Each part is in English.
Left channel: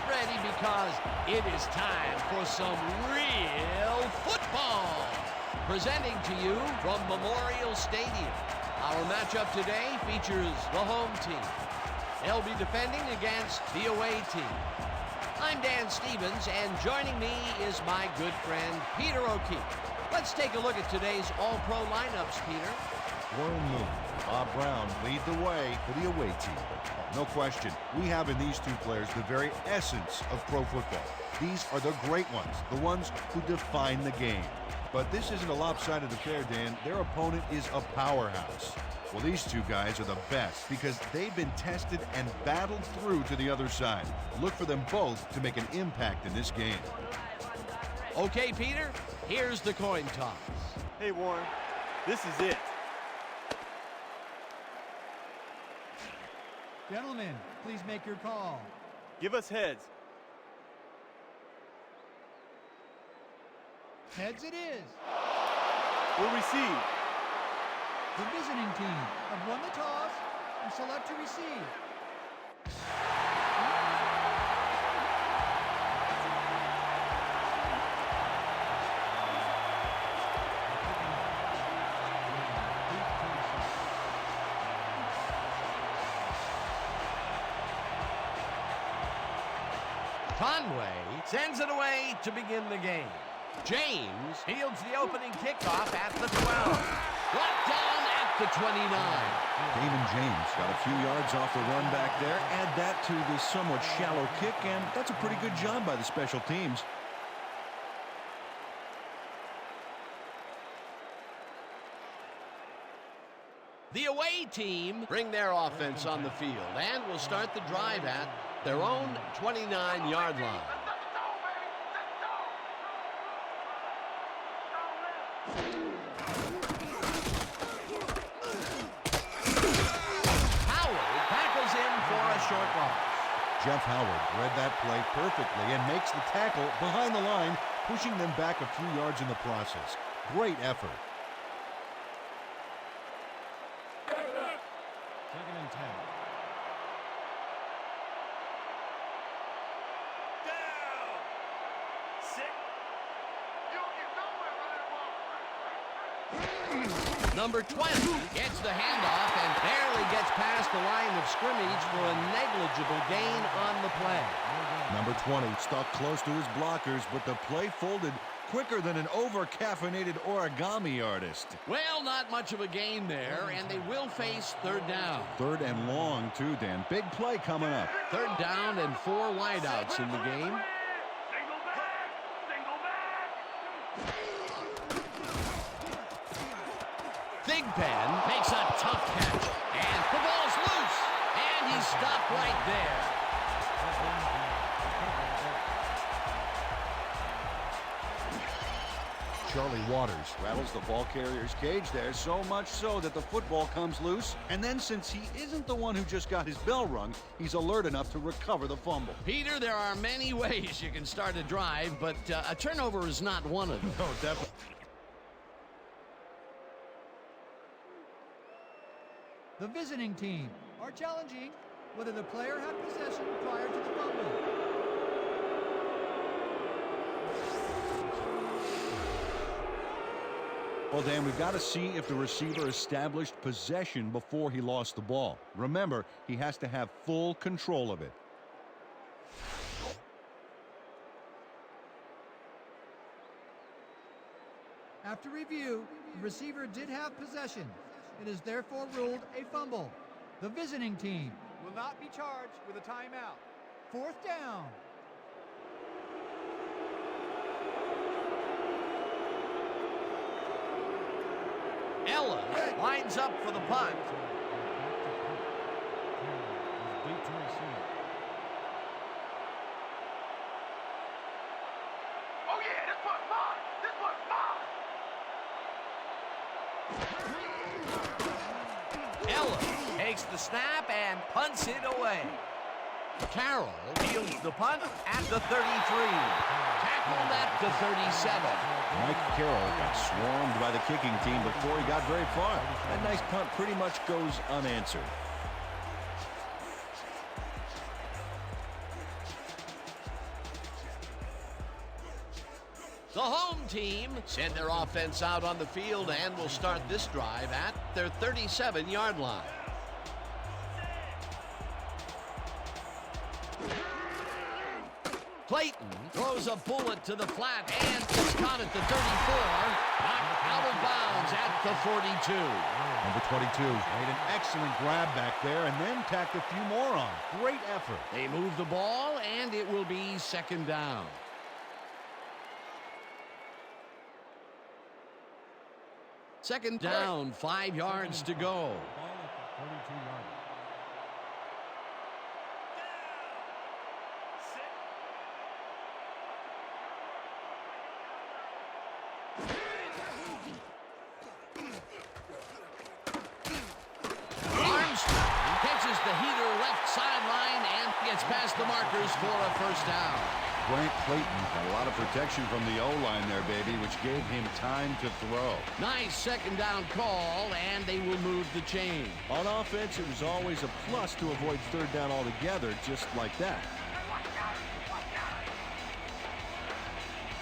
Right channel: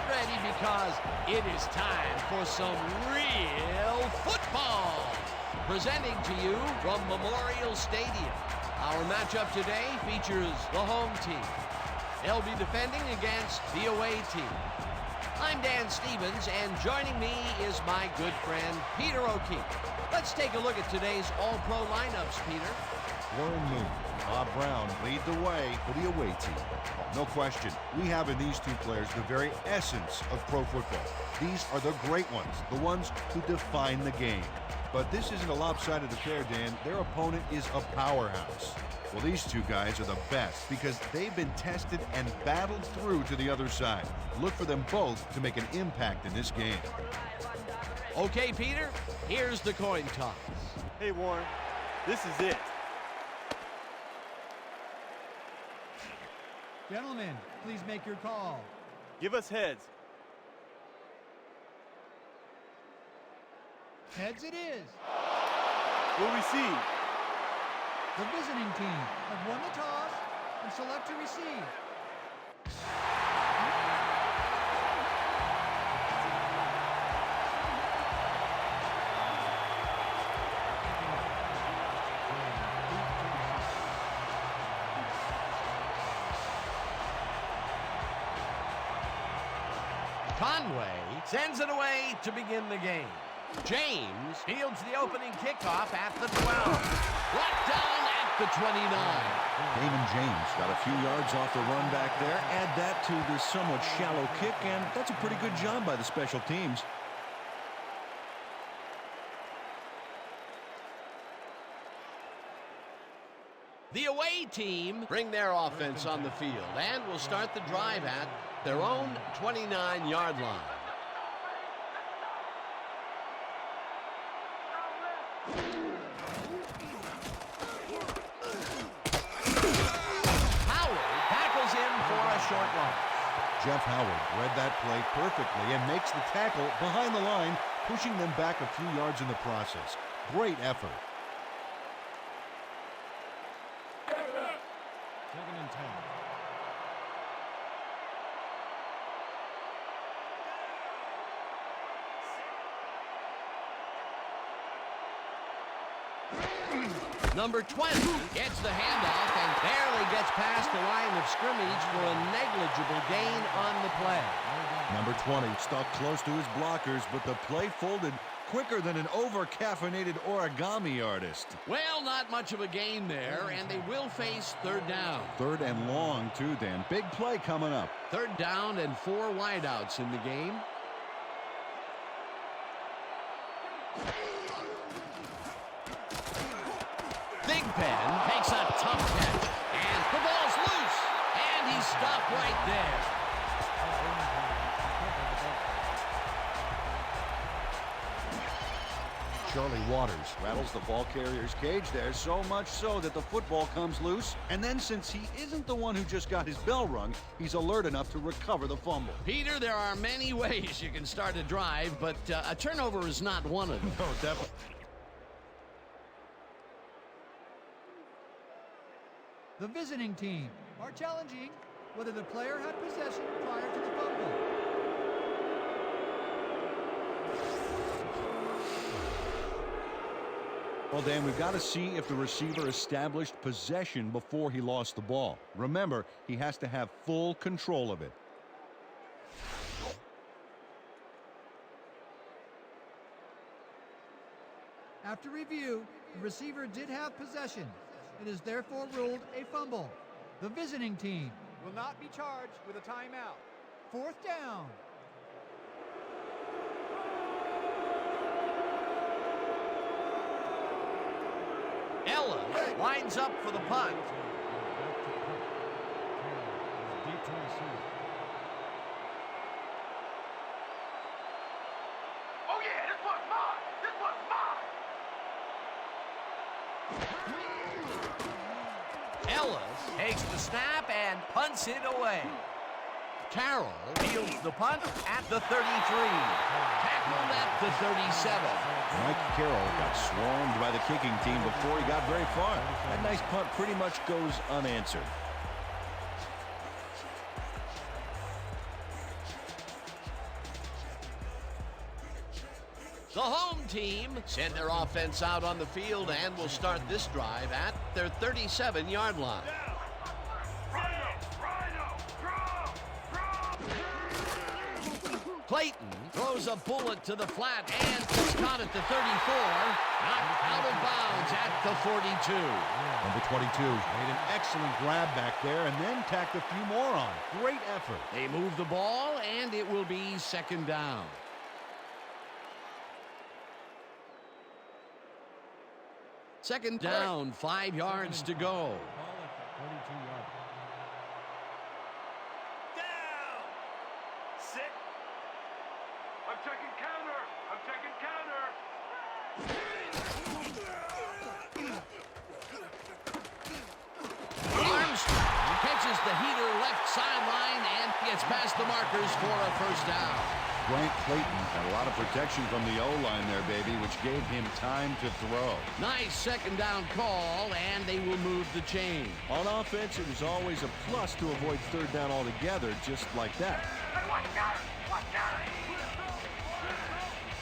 get ready because it is time for some real football. Presenting to you from Memorial Stadium. Our matchup today features the home team. They'll be defending against the away team. I'm Dan Stevens, and joining me is my good friend, Peter O'Keefe. Let's take a look at today's all-pro lineups, Peter. Warren Moon and Bob Brown lead the way for the away team. Oh, no question, we have in these two players the very essence of pro football. These are the great ones, the ones who define the game. But this isn't a lopsided affair, Dan. Their opponent is a powerhouse. Well, these two guys are the best because they've been tested and battled through to the other side. Look for them both to make an impact in this game. Okay, Peter, here's the coin toss. Hey, Warren, this is it. Gentlemen, please make your call. Give us heads. Heads it is. We'll receive. The visiting team have won the toss and select to receive. Conway sends it away to begin the game. James fields the opening kickoff at the 12. Brought down at the 29. Damon James got a few yards off the run back there. Add that to the somewhat shallow kick, and that's a pretty good job by the special teams. The away team bring their offense on the field and will start the drive at their own 29-yard line. Howard tackles in for a short loss. Jeff Howard read that play perfectly and makes the tackle behind the line, pushing them back a few yards in the process. Great effort. 2nd and 10. Number 20 gets the handoff and barely gets past the line of scrimmage for a negligible gain on the play. Number 20 stuck close to his blockers, but the play folded quicker than an over-caffeinated origami artist. Well, not much of a gain there, and they will face third down. Third and long, too, Dan. Big play coming up. Third down and 4 wideouts in the game. Big Ben makes a tough catch, and the ball's loose, and he's stopped right there. Charlie Waters rattles the ball carrier's cage there, so much so that the football comes loose. And then, since he isn't the one who just got his bell rung, he's alert enough to recover the fumble. Peter, there are many ways you can start a drive, but a turnover is not one of them. No, definitely. The visiting team are challenging whether the player had possession prior to the fumble. Well, Dan, we've got to see if the receiver established possession before he lost the ball. Remember, he has to have full control of it. After review, the receiver did have possession. It is therefore ruled a fumble. The visiting team will not be charged with a timeout. 4th down. Ellis lines up for the punt. Back to punt. Carroll is deep to receive. Oh yeah, this one's mine! This one's mine! Ellis takes the snap and punts it away. Carroll fields the punt at the 33. Tackled at the 37. Mike Carroll got swarmed by the kicking team before he got very far. That nice punt pretty much goes unanswered. The home team send their offense out on the field and will start this drive at their 37-yard line. Clayton throws a bullet to the flat, and it's caught at the 34, knocked out of bounds at the 42. Number 22 made an excellent grab back there and then tacked a few more on. Great effort. They move the ball, and it will be second down. Second down, 5 yards to go. Ball at the 42-yard line. I'm taking counter. I'm taking counter. Armstrong catches the heater left sideline and gets past the markers for a first down. Grant Clayton had a lot of protection from the O-line there, baby, which gave him time to throw. Nice second down call, and they will move the chain. On offense, it was always a plus to avoid third down altogether, just like that. Hey, watch out! Watch out!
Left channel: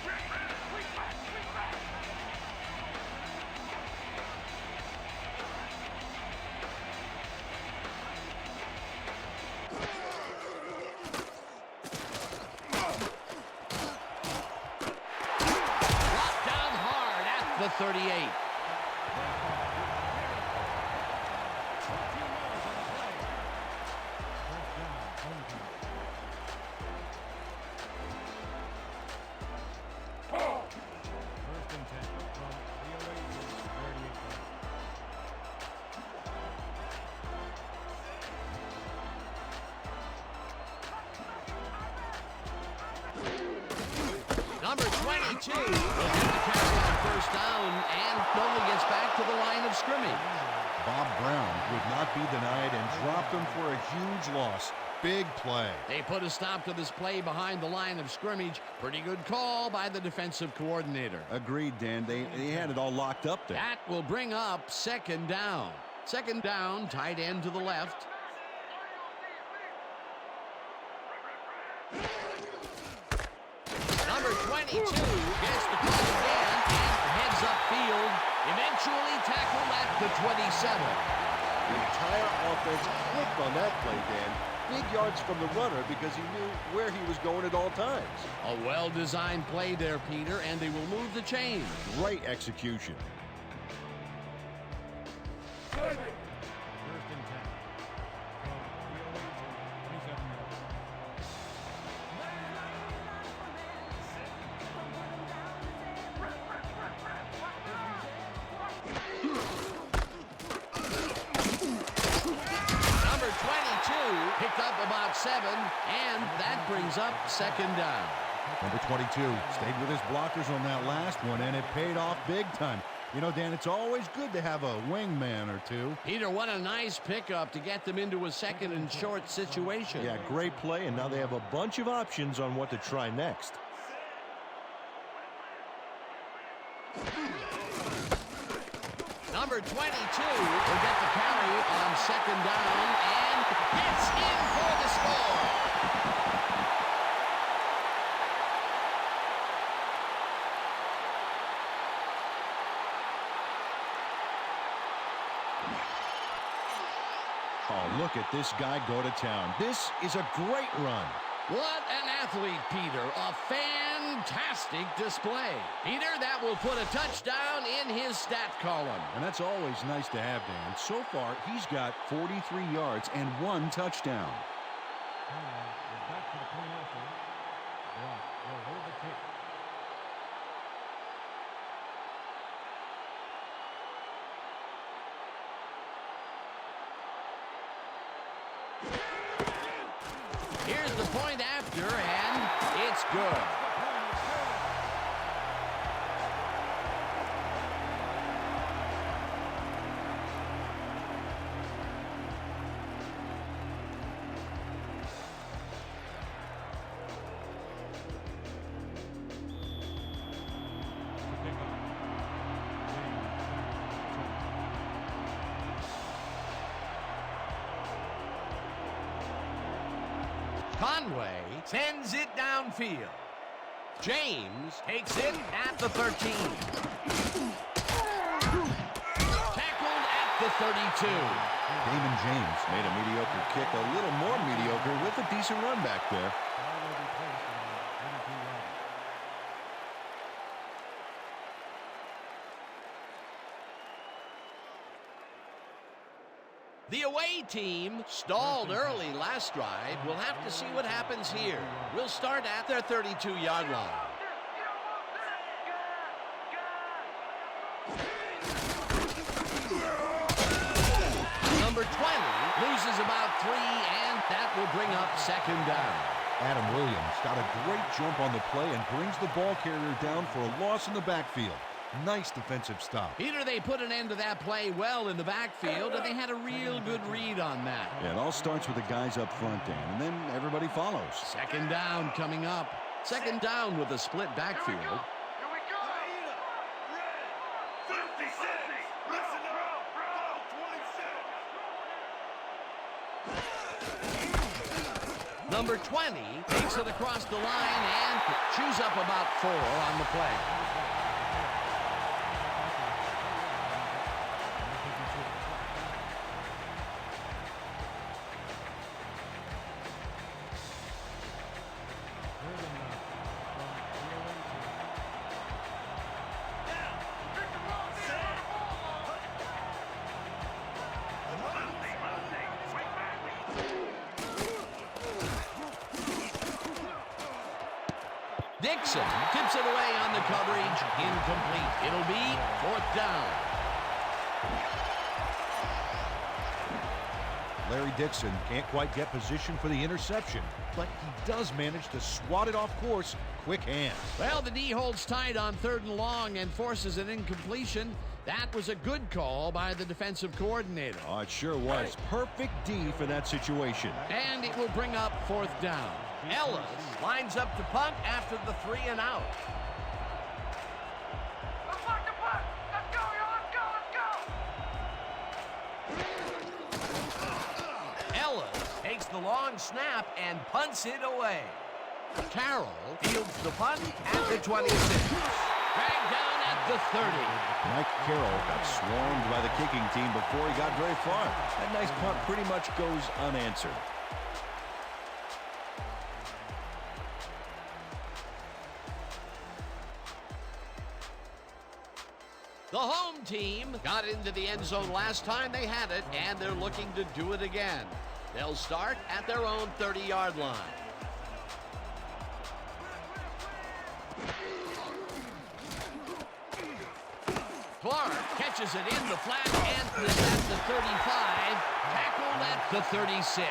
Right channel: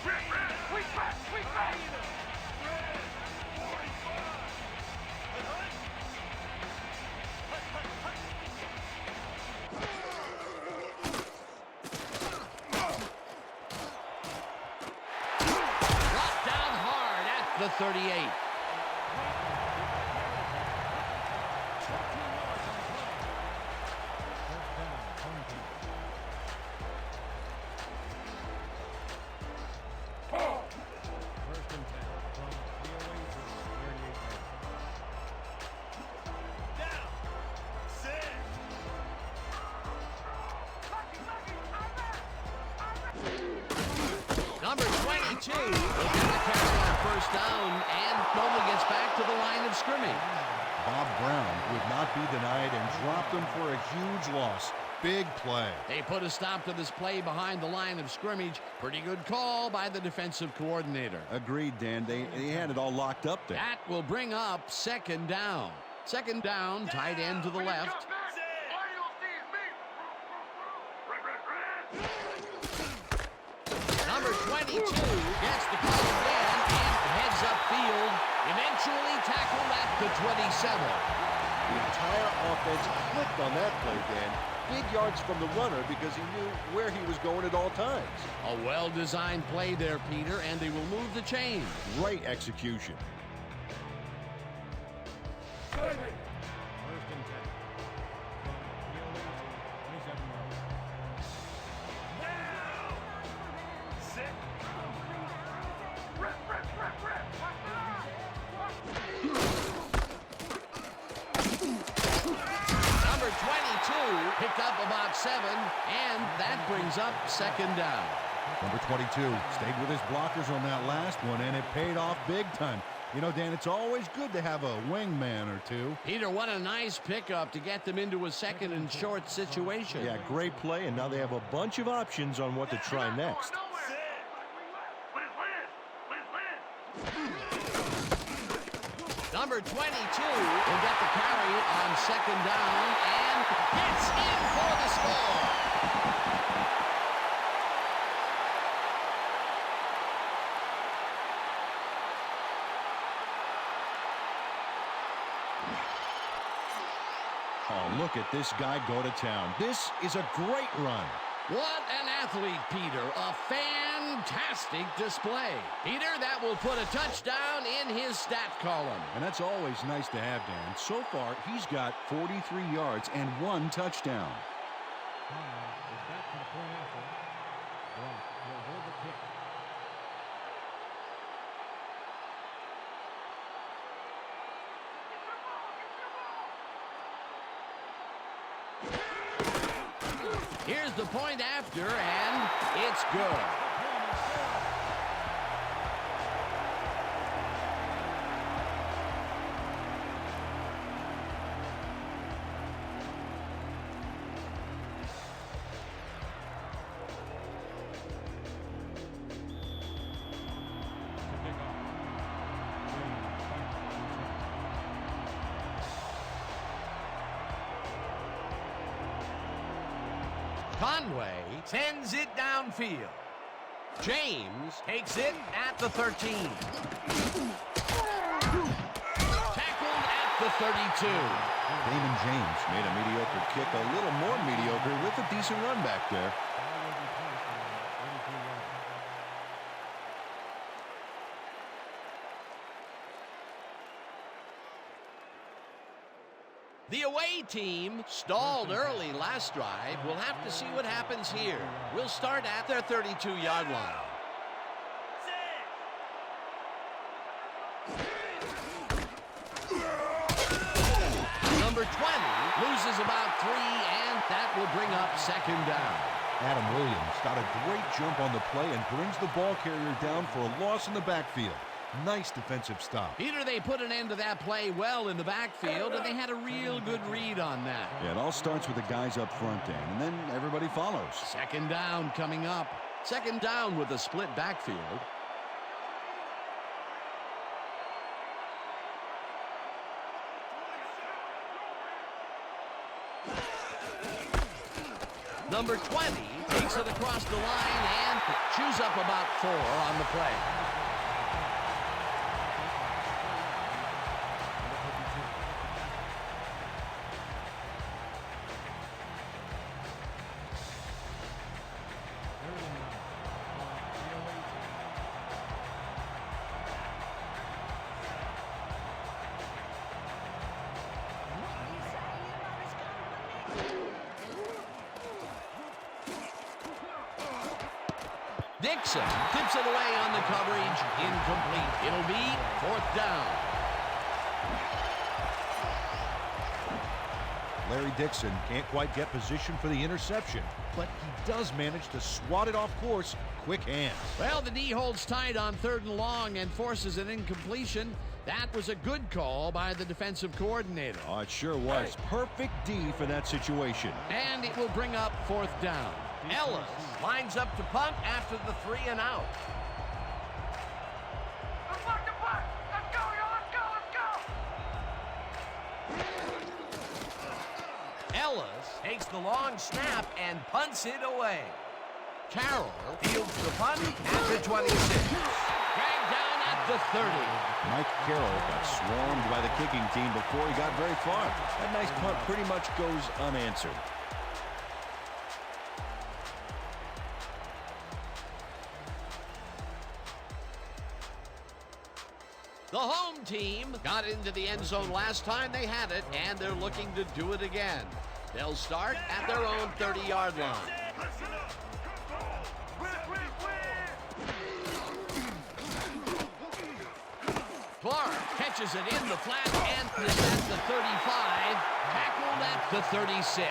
Rip, sweet back, sweet back. Brought down hard at the 38. 14 yards on the play. First down, home team. First and 10 from the away to 38-yard line. Number 22 will get the carry on first down and only gets back to the line of scrimmage. Bob Brown would not be denied and dropped him for a huge loss. Big play. They put a stop to this play behind the line of scrimmage. Pretty good call by the defensive coordinator. Agreed, Dan. They had it all locked up there. That will bring up second down. Second down, tight end to the left. All you'll see is me. Number 22 gets the call again and heads upfield. Eventually tackled at the 27. The entire offense clicked on that play, Dan. Big yards from the runner because he knew where he was going at all times. A well-designed play there, Peter, and they will move the chain. Great execution. First and 10 from the away to 27-yard line. Number 22 picked up about 7, and that brings up second down. Number 22 stayed with his blockers on that last one, and it paid off big time. You know, Dan, it's always good to have a wingman or two. Peter, what a nice pickup to get them into a second and short situation. Yeah, great play, and now they have a bunch of options on what to try next. Number 22 will get the carry on second down and gets in for the score. Oh, look at this guy go to town. This is a great run. What an athlete, Peter. A fantastic display. Peter, that will put a touchdown in his stat column. And that's always nice to have, Dan. So far, he's got 43 yards and 1 touchdown. Conway is back to the point after. Block will hold the kick. Here's the point after, and it's good. To kick off. James back to the return. Conway sends it downfield. James takes it at the 13. Tackled at the 32. Damon James made a mediocre kick a little more mediocre with a decent run back there. Ball will be placed around 32 yards. The away team stalled early last drive. We'll have to see what happens here. We'll start at their 32-yard line. Number 20 loses about 3, and that will bring up second down. Adam Williams got a great jump on the play and brings the ball carrier down for a loss in the backfield. Nice defensive stop. Peter, they put an end to that play well in the backfield, and they had a real good read on that. Yeah, it all starts with the guys up front, Dan, and then everybody follows. Second down coming up. Second down with a split backfield. Here we go! 50, 50! Bro! Number 20 takes it across the line and chews up about 4 on the play. Dixon tips it away on the coverage. Incomplete. It'll be 4th down. Larry Dixon can't quite get position for the interception, but he does manage to swat it off course. Quick hands. Well, the D holds tight on 3rd and long and forces an incompletion. That was a good call by the defensive coordinator. Oh, it sure was. Perfect D for that situation. And it will bring up 4th down. Ellis lines up to punt after the 3 and out. Let's lock the punt! Let's go, y'all! Let's go! Ellis takes the long snap and punts it away. Carroll fields the punt at the 26. Dragged down at the 30. Mike Carroll got swarmed by the kicking team before he got very far. That nice punt pretty much goes unanswered. The home team got into the end zone last time they had it, and they're looking to do it again. They'll start at their own 30-yard line. Clark catches it in the flat and is at the 35, tackled at the 36.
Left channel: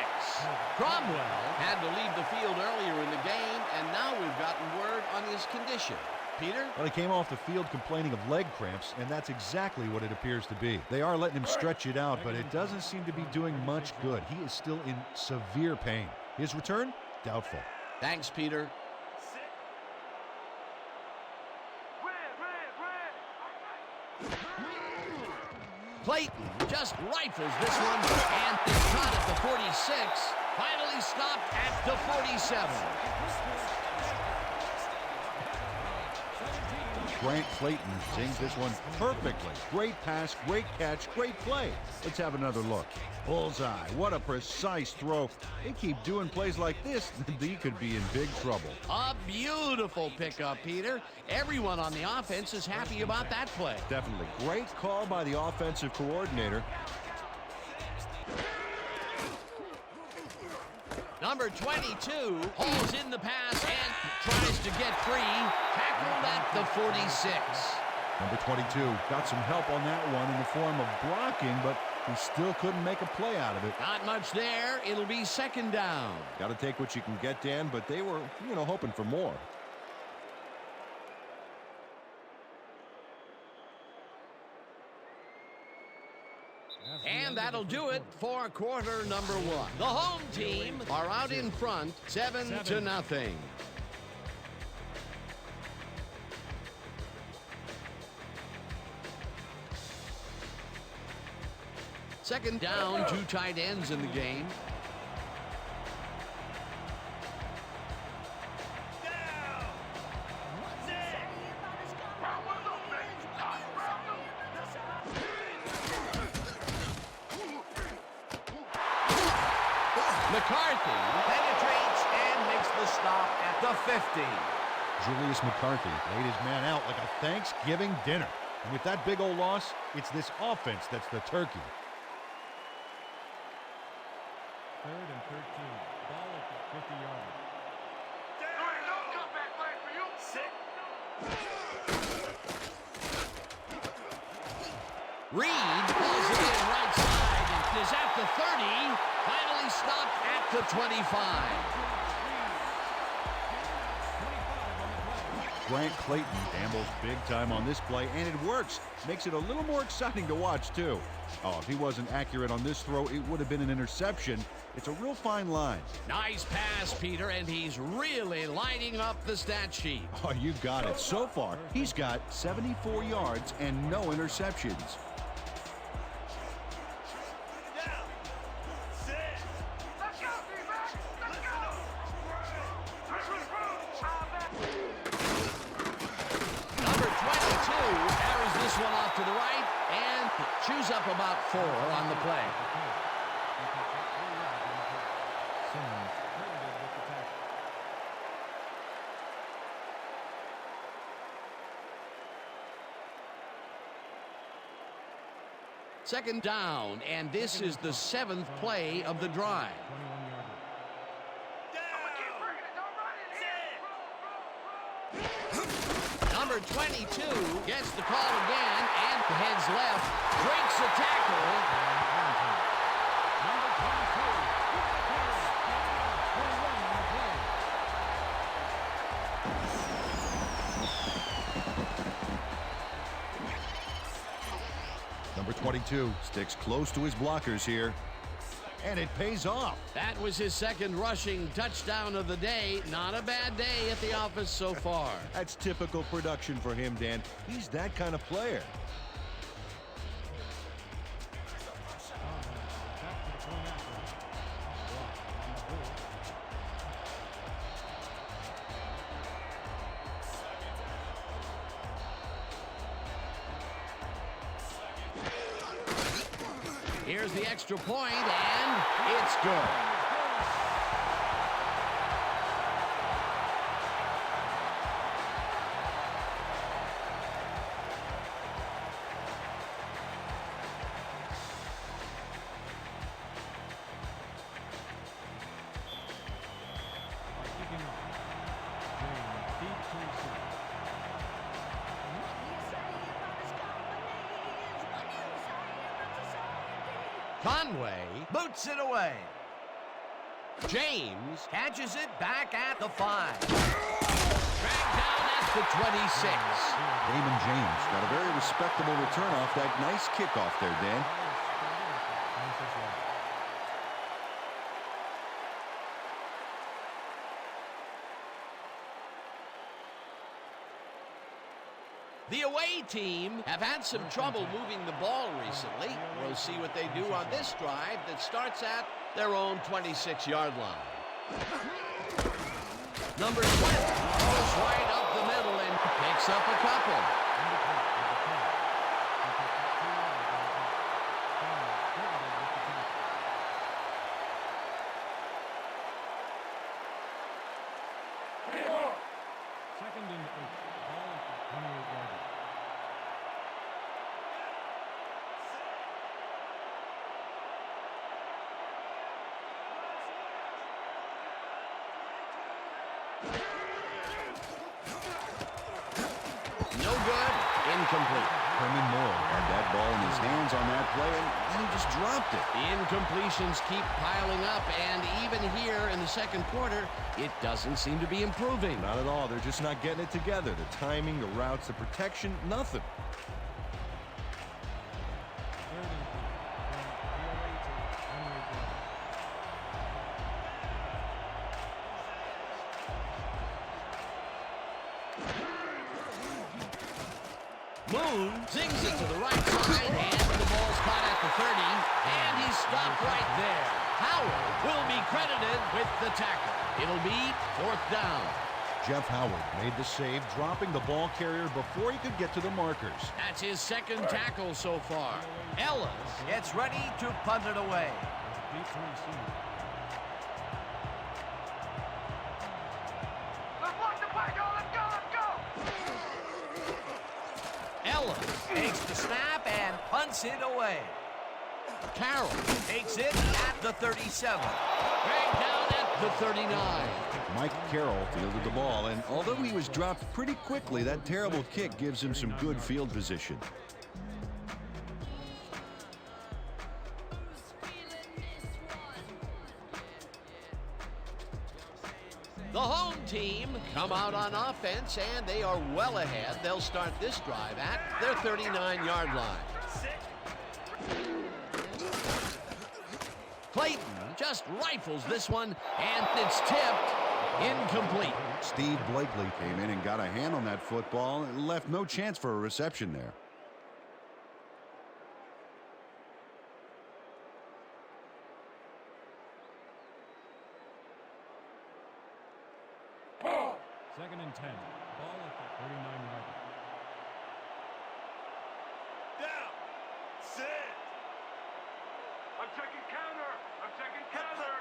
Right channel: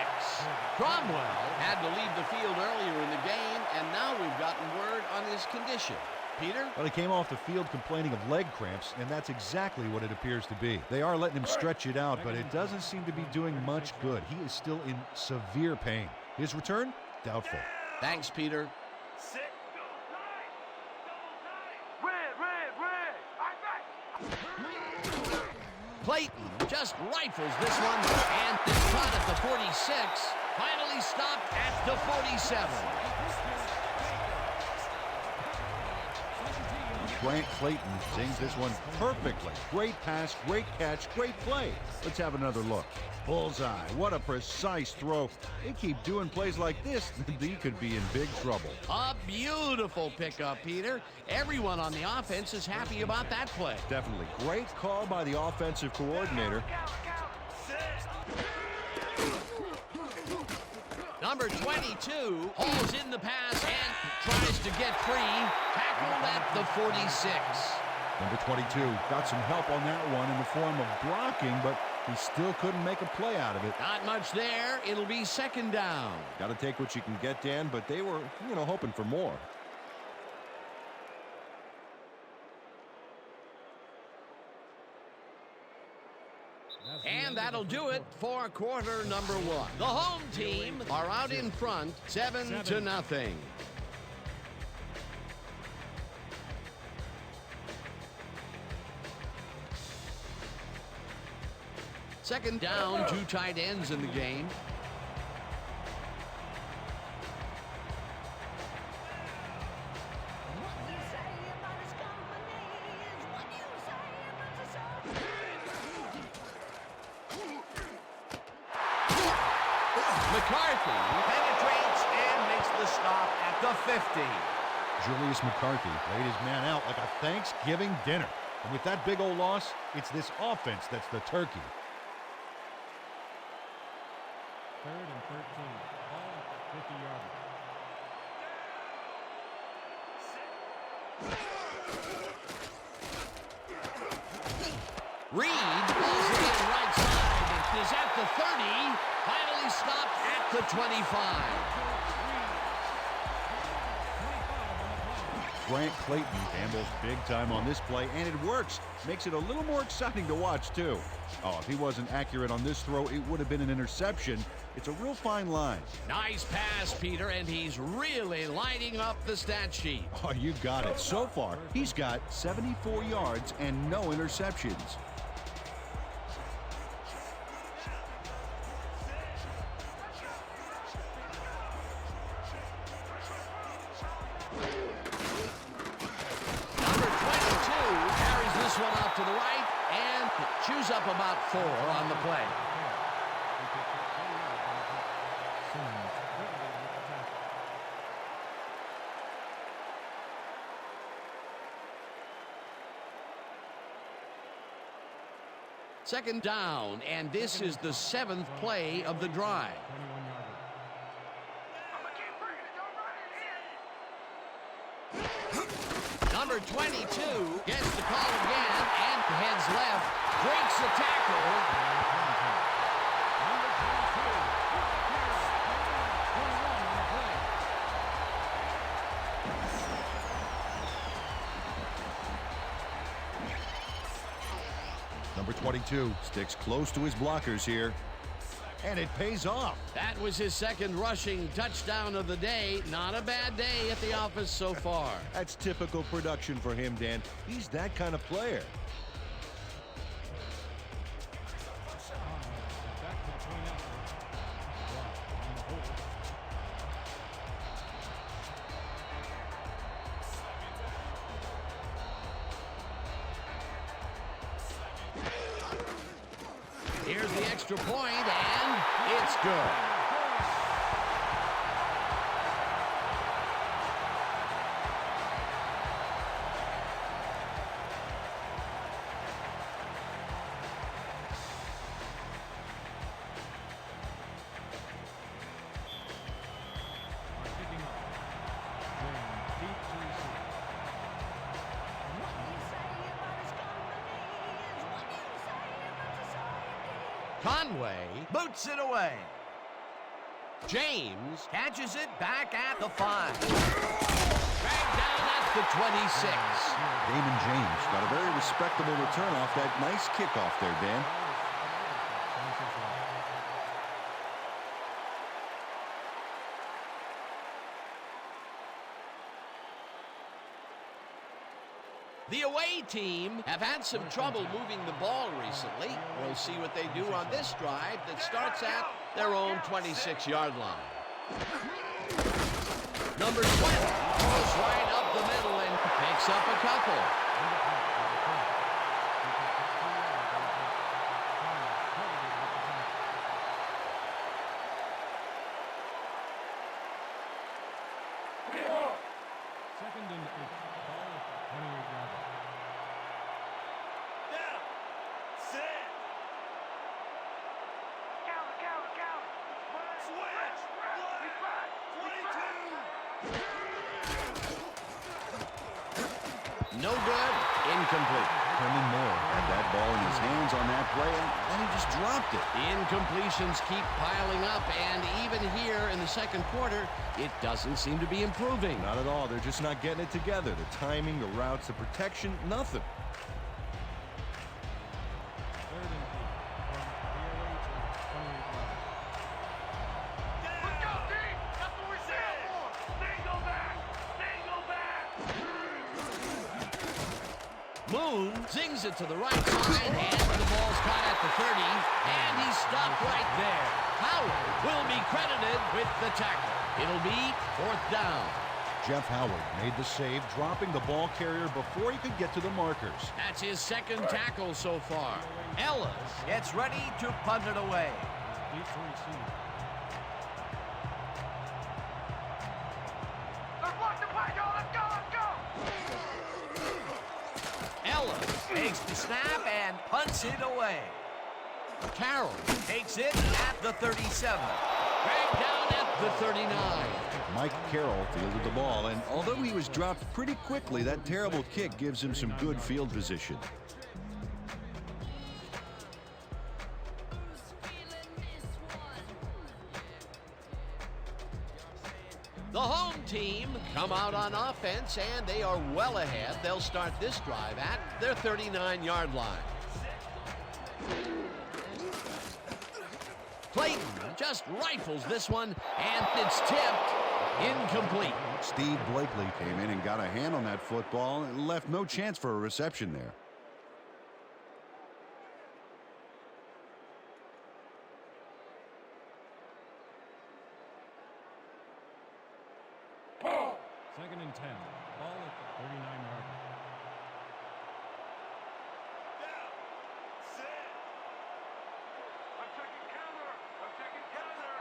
Cromwell had to leave the field earlier in the game, and now we've gotten word on his condition. Peter? Well, he came off the field complaining of leg cramps, and that's exactly what it appears to be. They are letting him stretch it out, but it doesn't seem to be doing much good. He is still in severe pain. His return? Doubtful. Thanks, Peter. Clayton just rifles this one and is caught at the 46. Finally stopped at the 47. Grant Clayton sings this one perfectly. Great pass, great catch, great play. Let's have another look. Bullseye. What a precise throw. They keep doing plays like this, he could be in big trouble. A beautiful pickup, Peter. Everyone on the offense is happy about that play. Definitely. Great call by the offensive coordinator. Number 22 hauls in the pass and tries to get free. Tackled at the 46. Number 22 got some help on that one in the form of blocking, but he still couldn't make a play out of it. Not much there. It'll be second down. Got to take what you can get, Dan, but they were, hoping for more. And that'll do it for quarter number 1. The home team are out in front, 7-0. Second down, 2 tight ends in the game. McCarthy penetrates and makes the stop at the 50. Julius McCarthy laid his man out like a Thanksgiving dinner. And with that big old loss, it's this offense that's the turkey. 3rd and 13. Ball at the 50-yard line. Reed pulls it in right side and is at the 30. Finally stopped at the 25. Grant Clayton gambles big time on this play, and it works. Makes it a little more exciting to watch, too. Oh, if he wasn't accurate on this throw, it would have been an interception. It's a real fine line. Nice pass, Peter, and he's really lighting up the stat sheet. Oh, you got it. So far, he's got 74 yards and no interceptions. Number 22 carries this one off to the right and chews up about 4 on the play. He picks up 4 yards on the play. Simmons credited with the tackle. Second down, and this is the 7th play of the drive. 21-yard line. I'm gonna keep bringing it. Don't run in here. Number 22 gets the call again and heads left, breaks a tackle. Number 22 with the clearance. 21 on the play. Number 22 sticks close to his blockers here, and it pays off. That was his 2nd rushing touchdown of the day. Not a bad day at the office so far. That's typical production for him, Dan. He's that kind of player. Conway is back to the point after. Brock on the hold. Here's the extra point, and it's good. Are kicking off. James deep to receive. What you say about his company is what you say about society. Conway boots it away. James catches it back at the 5. Dragged down at the 26. Damon James got a very respectable return off that nice kickoff there, Dan. Ball is spotted at the 26 yard line. The away team have had some trouble moving the ball recently. We'll see what they do on this drive that starts at their own 26-yard line. Number 20 goes right up the middle and picks up a couple. Number 20 with the play. He picks up 2 yards on the play. Farmer credited with the tackle. Second and 8. Ball at the 28-yard line. No good. Incomplete. Herman Moore had that ball in his hands on that play, and then he just dropped it. The incompletions keep piling up, and even here in the 2nd quarter, it doesn't seem to be improving. Not at all. They're just not getting it together. The timing, the routes, the protection, nothing. 3rd and 3 from the away to 28-yard line. Let's go, D. That's what we're saying for. Dangle back. Dangle back. Moon zings it to the right side, and the ball's caught at the 30, and he's stopped right there. Howard will be credited with the tackle. It'll be 4th down. Jeff Howard made the save, dropping the ball carrier before he could get to the markers. That's his 2nd tackle so far. Ellis gets ready to punt it away. Is deep to receive. Willis takes the snap and punts it away. Carroll takes it at the 37. Dragged down at the 39. Mike Carroll fielded the ball, and although he was dropped pretty quickly, that terrible kick gives him some good field position. The home team come out on offense, and they are well ahead. They'll start this drive at their 39-yard line. Clayton just rifles this one, and it's tipped incomplete. Steve Blakely came in and got a hand on that football and left no chance for a reception there. Second and 10. Ball at the 39-yard line. I'm checking counter. I'm checking counter.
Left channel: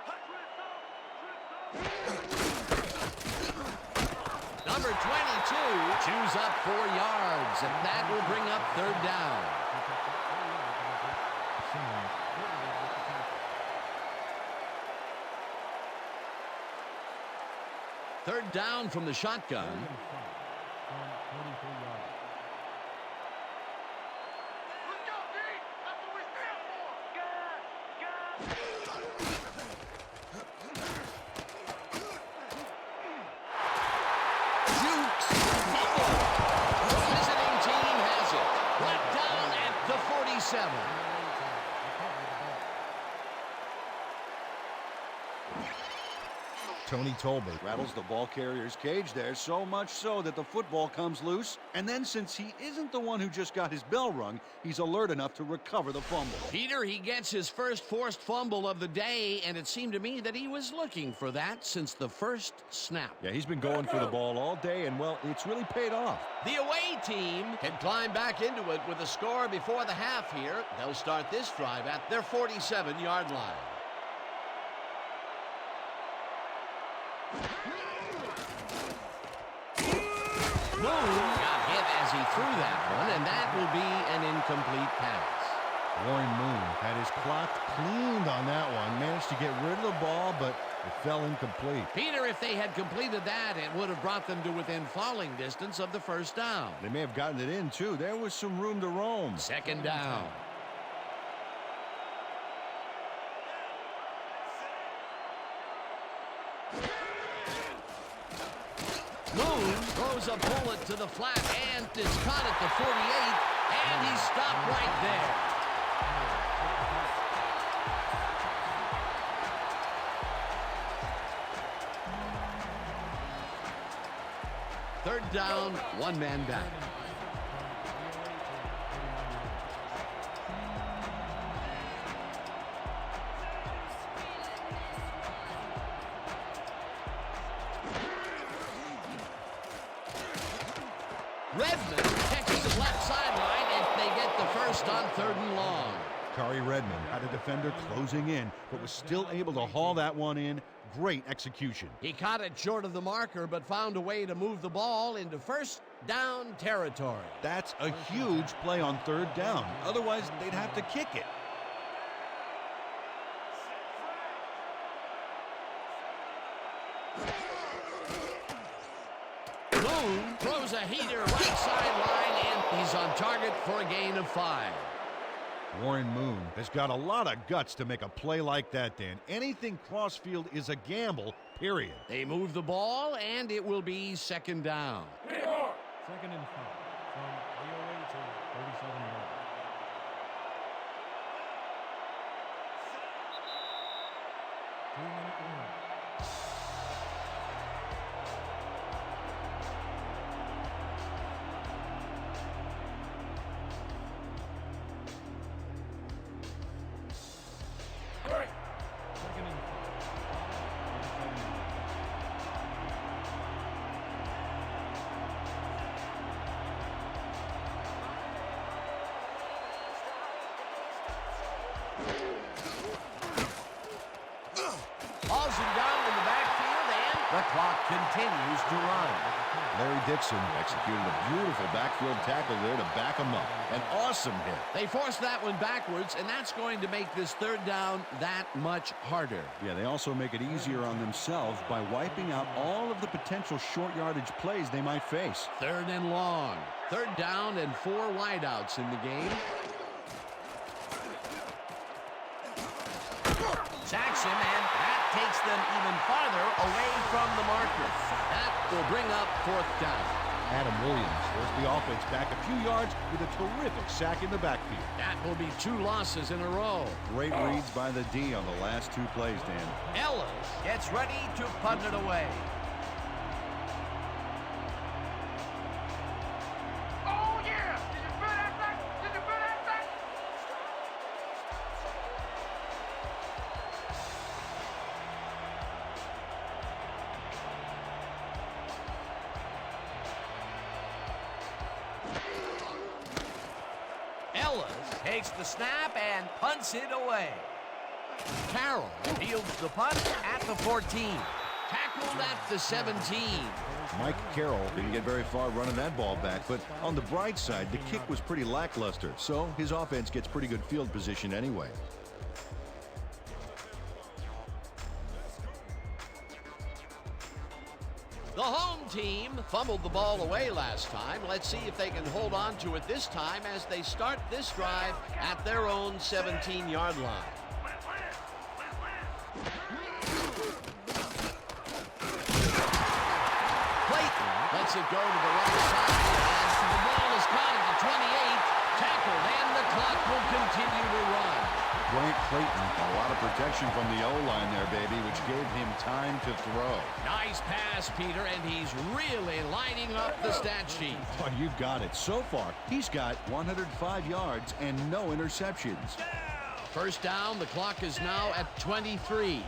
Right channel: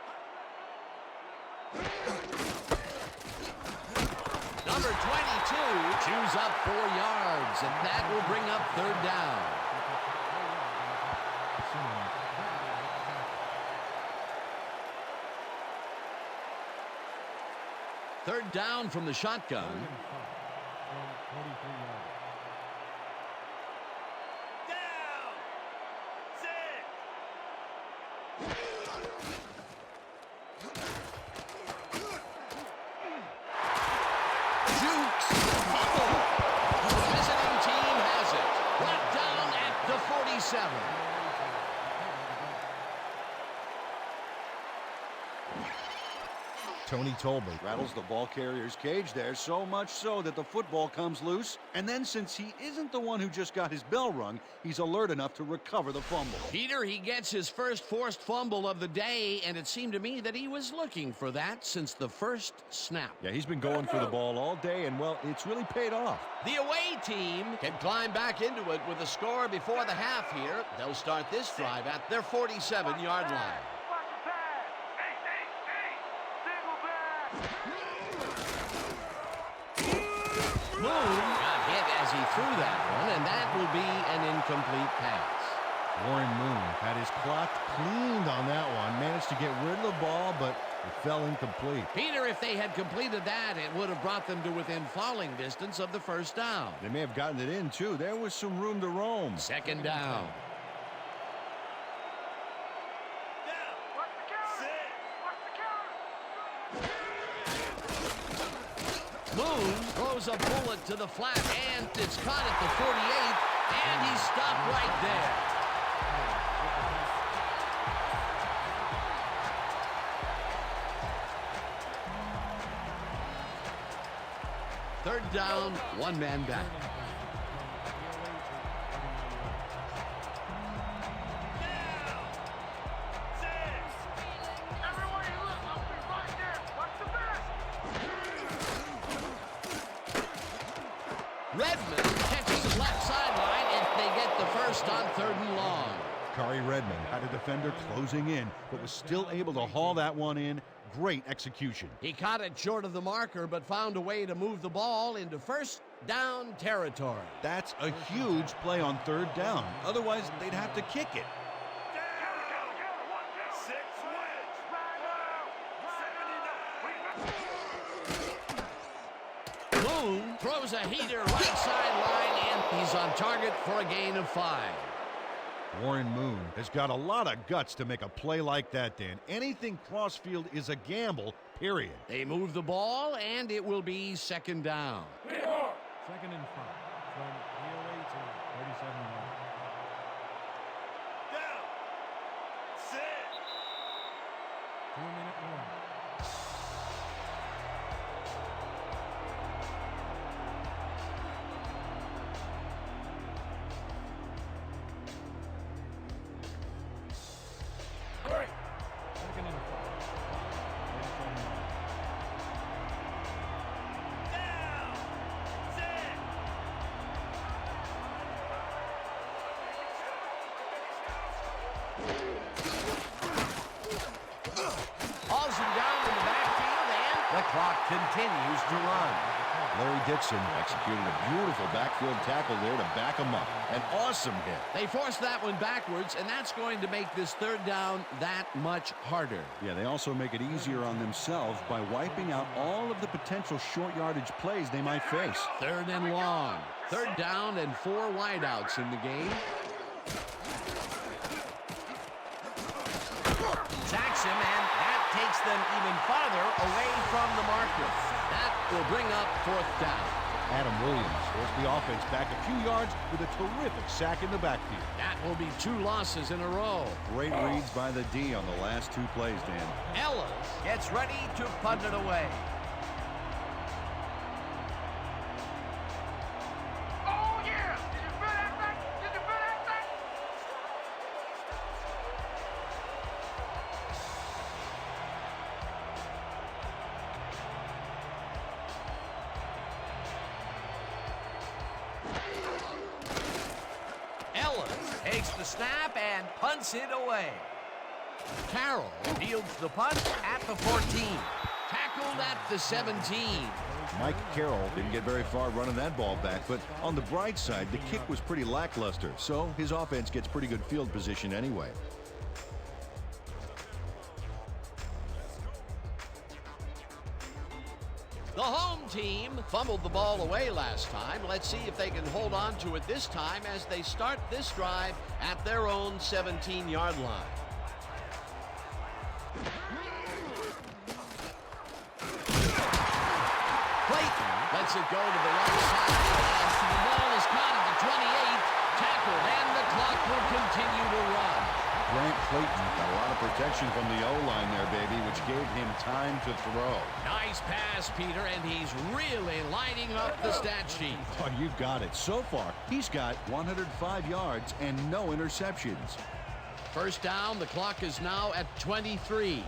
Number 22 chews up 4 yards, and that will bring up third down. He picked up 4 yards on the pitch. Simmons credited with the tackle. Third down from the shotgun. 3rd and 5 from 43-yard line. Jukes, fumble. The visiting team has it. Brought down at the 47. Tony Tolbert Rattles the ball carrier's cage there, so much so that the football comes loose. And then since he isn't the one who just got his bell rung, he's alert enough to recover the fumble. Peter, he gets his first forced fumble of the day, and it seemed to me that he was looking for that since the first snap. Yeah, he's been going for the ball all day, and, well, it's really paid off. The away team can climb back into it with a score before the half here. They'll start this drive at their 47-yard line. Moon got hit as he threw that one, and that will be an incomplete pass. Warren Moon had his clock cleaned on that one, managed to get rid of the ball, but it fell incomplete. Peter, if they had completed that, it would have brought them to within falling distance of the first down. They may have gotten it in, too. There was some room to roam. Second down. Moon throws a bullet to the flat, and it's caught at the 48, and he's stopped right there. Third down, one man back. Redmond catches his left sideline, and they get the first on 3rd and long. Kari Redmond had a defender closing in, but was still able to haul that one in. Great execution. He caught it short of the marker, but found a way to move the ball into first down territory. That's a huge play on 3rd down. Otherwise, they'd have to kick it. Moon throws a heater right sideline, and he's on target for a gain of 5. Warren Moon has got a lot of guts to make a play like that, Dan. Anything crossfield is a gamble, period. They move the ball, and it will be 2nd down. 2nd and 5 from the away to 37-yard. 2-minute warning. Second and 5. Ball at 37 yards. Hauls him down in the backfield, and The clock continues to run. Larry Dixon executed a beautiful backfield tackle there to back him up. An awesome hit. They forced that one backwards, and that's going to make this third down that much harder. Yeah, they also make it easier on themselves by wiping out all of the potential short yardage plays they might face. Third and long. Third down and 4 wideouts in the game. Sacks him, and that takes them even farther away from the marker. That will bring up 4th down. Adam Williams forced the offense back a few yards with a terrific sack in the backfield. That will be 2 losses in a row. Great reads by the D on the last 2 plays, Dan. Ellis gets ready to punt it away. Oh, yeah! Did you feel that thing? Did you feel that thing? Ellis takes the snap and punts it away. Carroll fields the punt at the 14. Tackled at the 17. Mike Carroll didn't get very far running that ball back, but on the bright side, the kick was pretty lackluster, so his offense gets pretty good field position anyway. The home team fumbled the ball away last time. Let's see if they can hold on to it this time as they start this drive at their own 17-yard line. Clayton lets it go to the right side, and the ball is caught at the 28, tackled, and the clock will continue to run. Grant Clayton got a lot of protection from the O-line there, baby, which gave him time to throw. Nice pass, Peter, and he's really lighting up the stat sheet. Oh, you got it. So far, he's got 105 yards and no interceptions. First down, the clock is now at 23.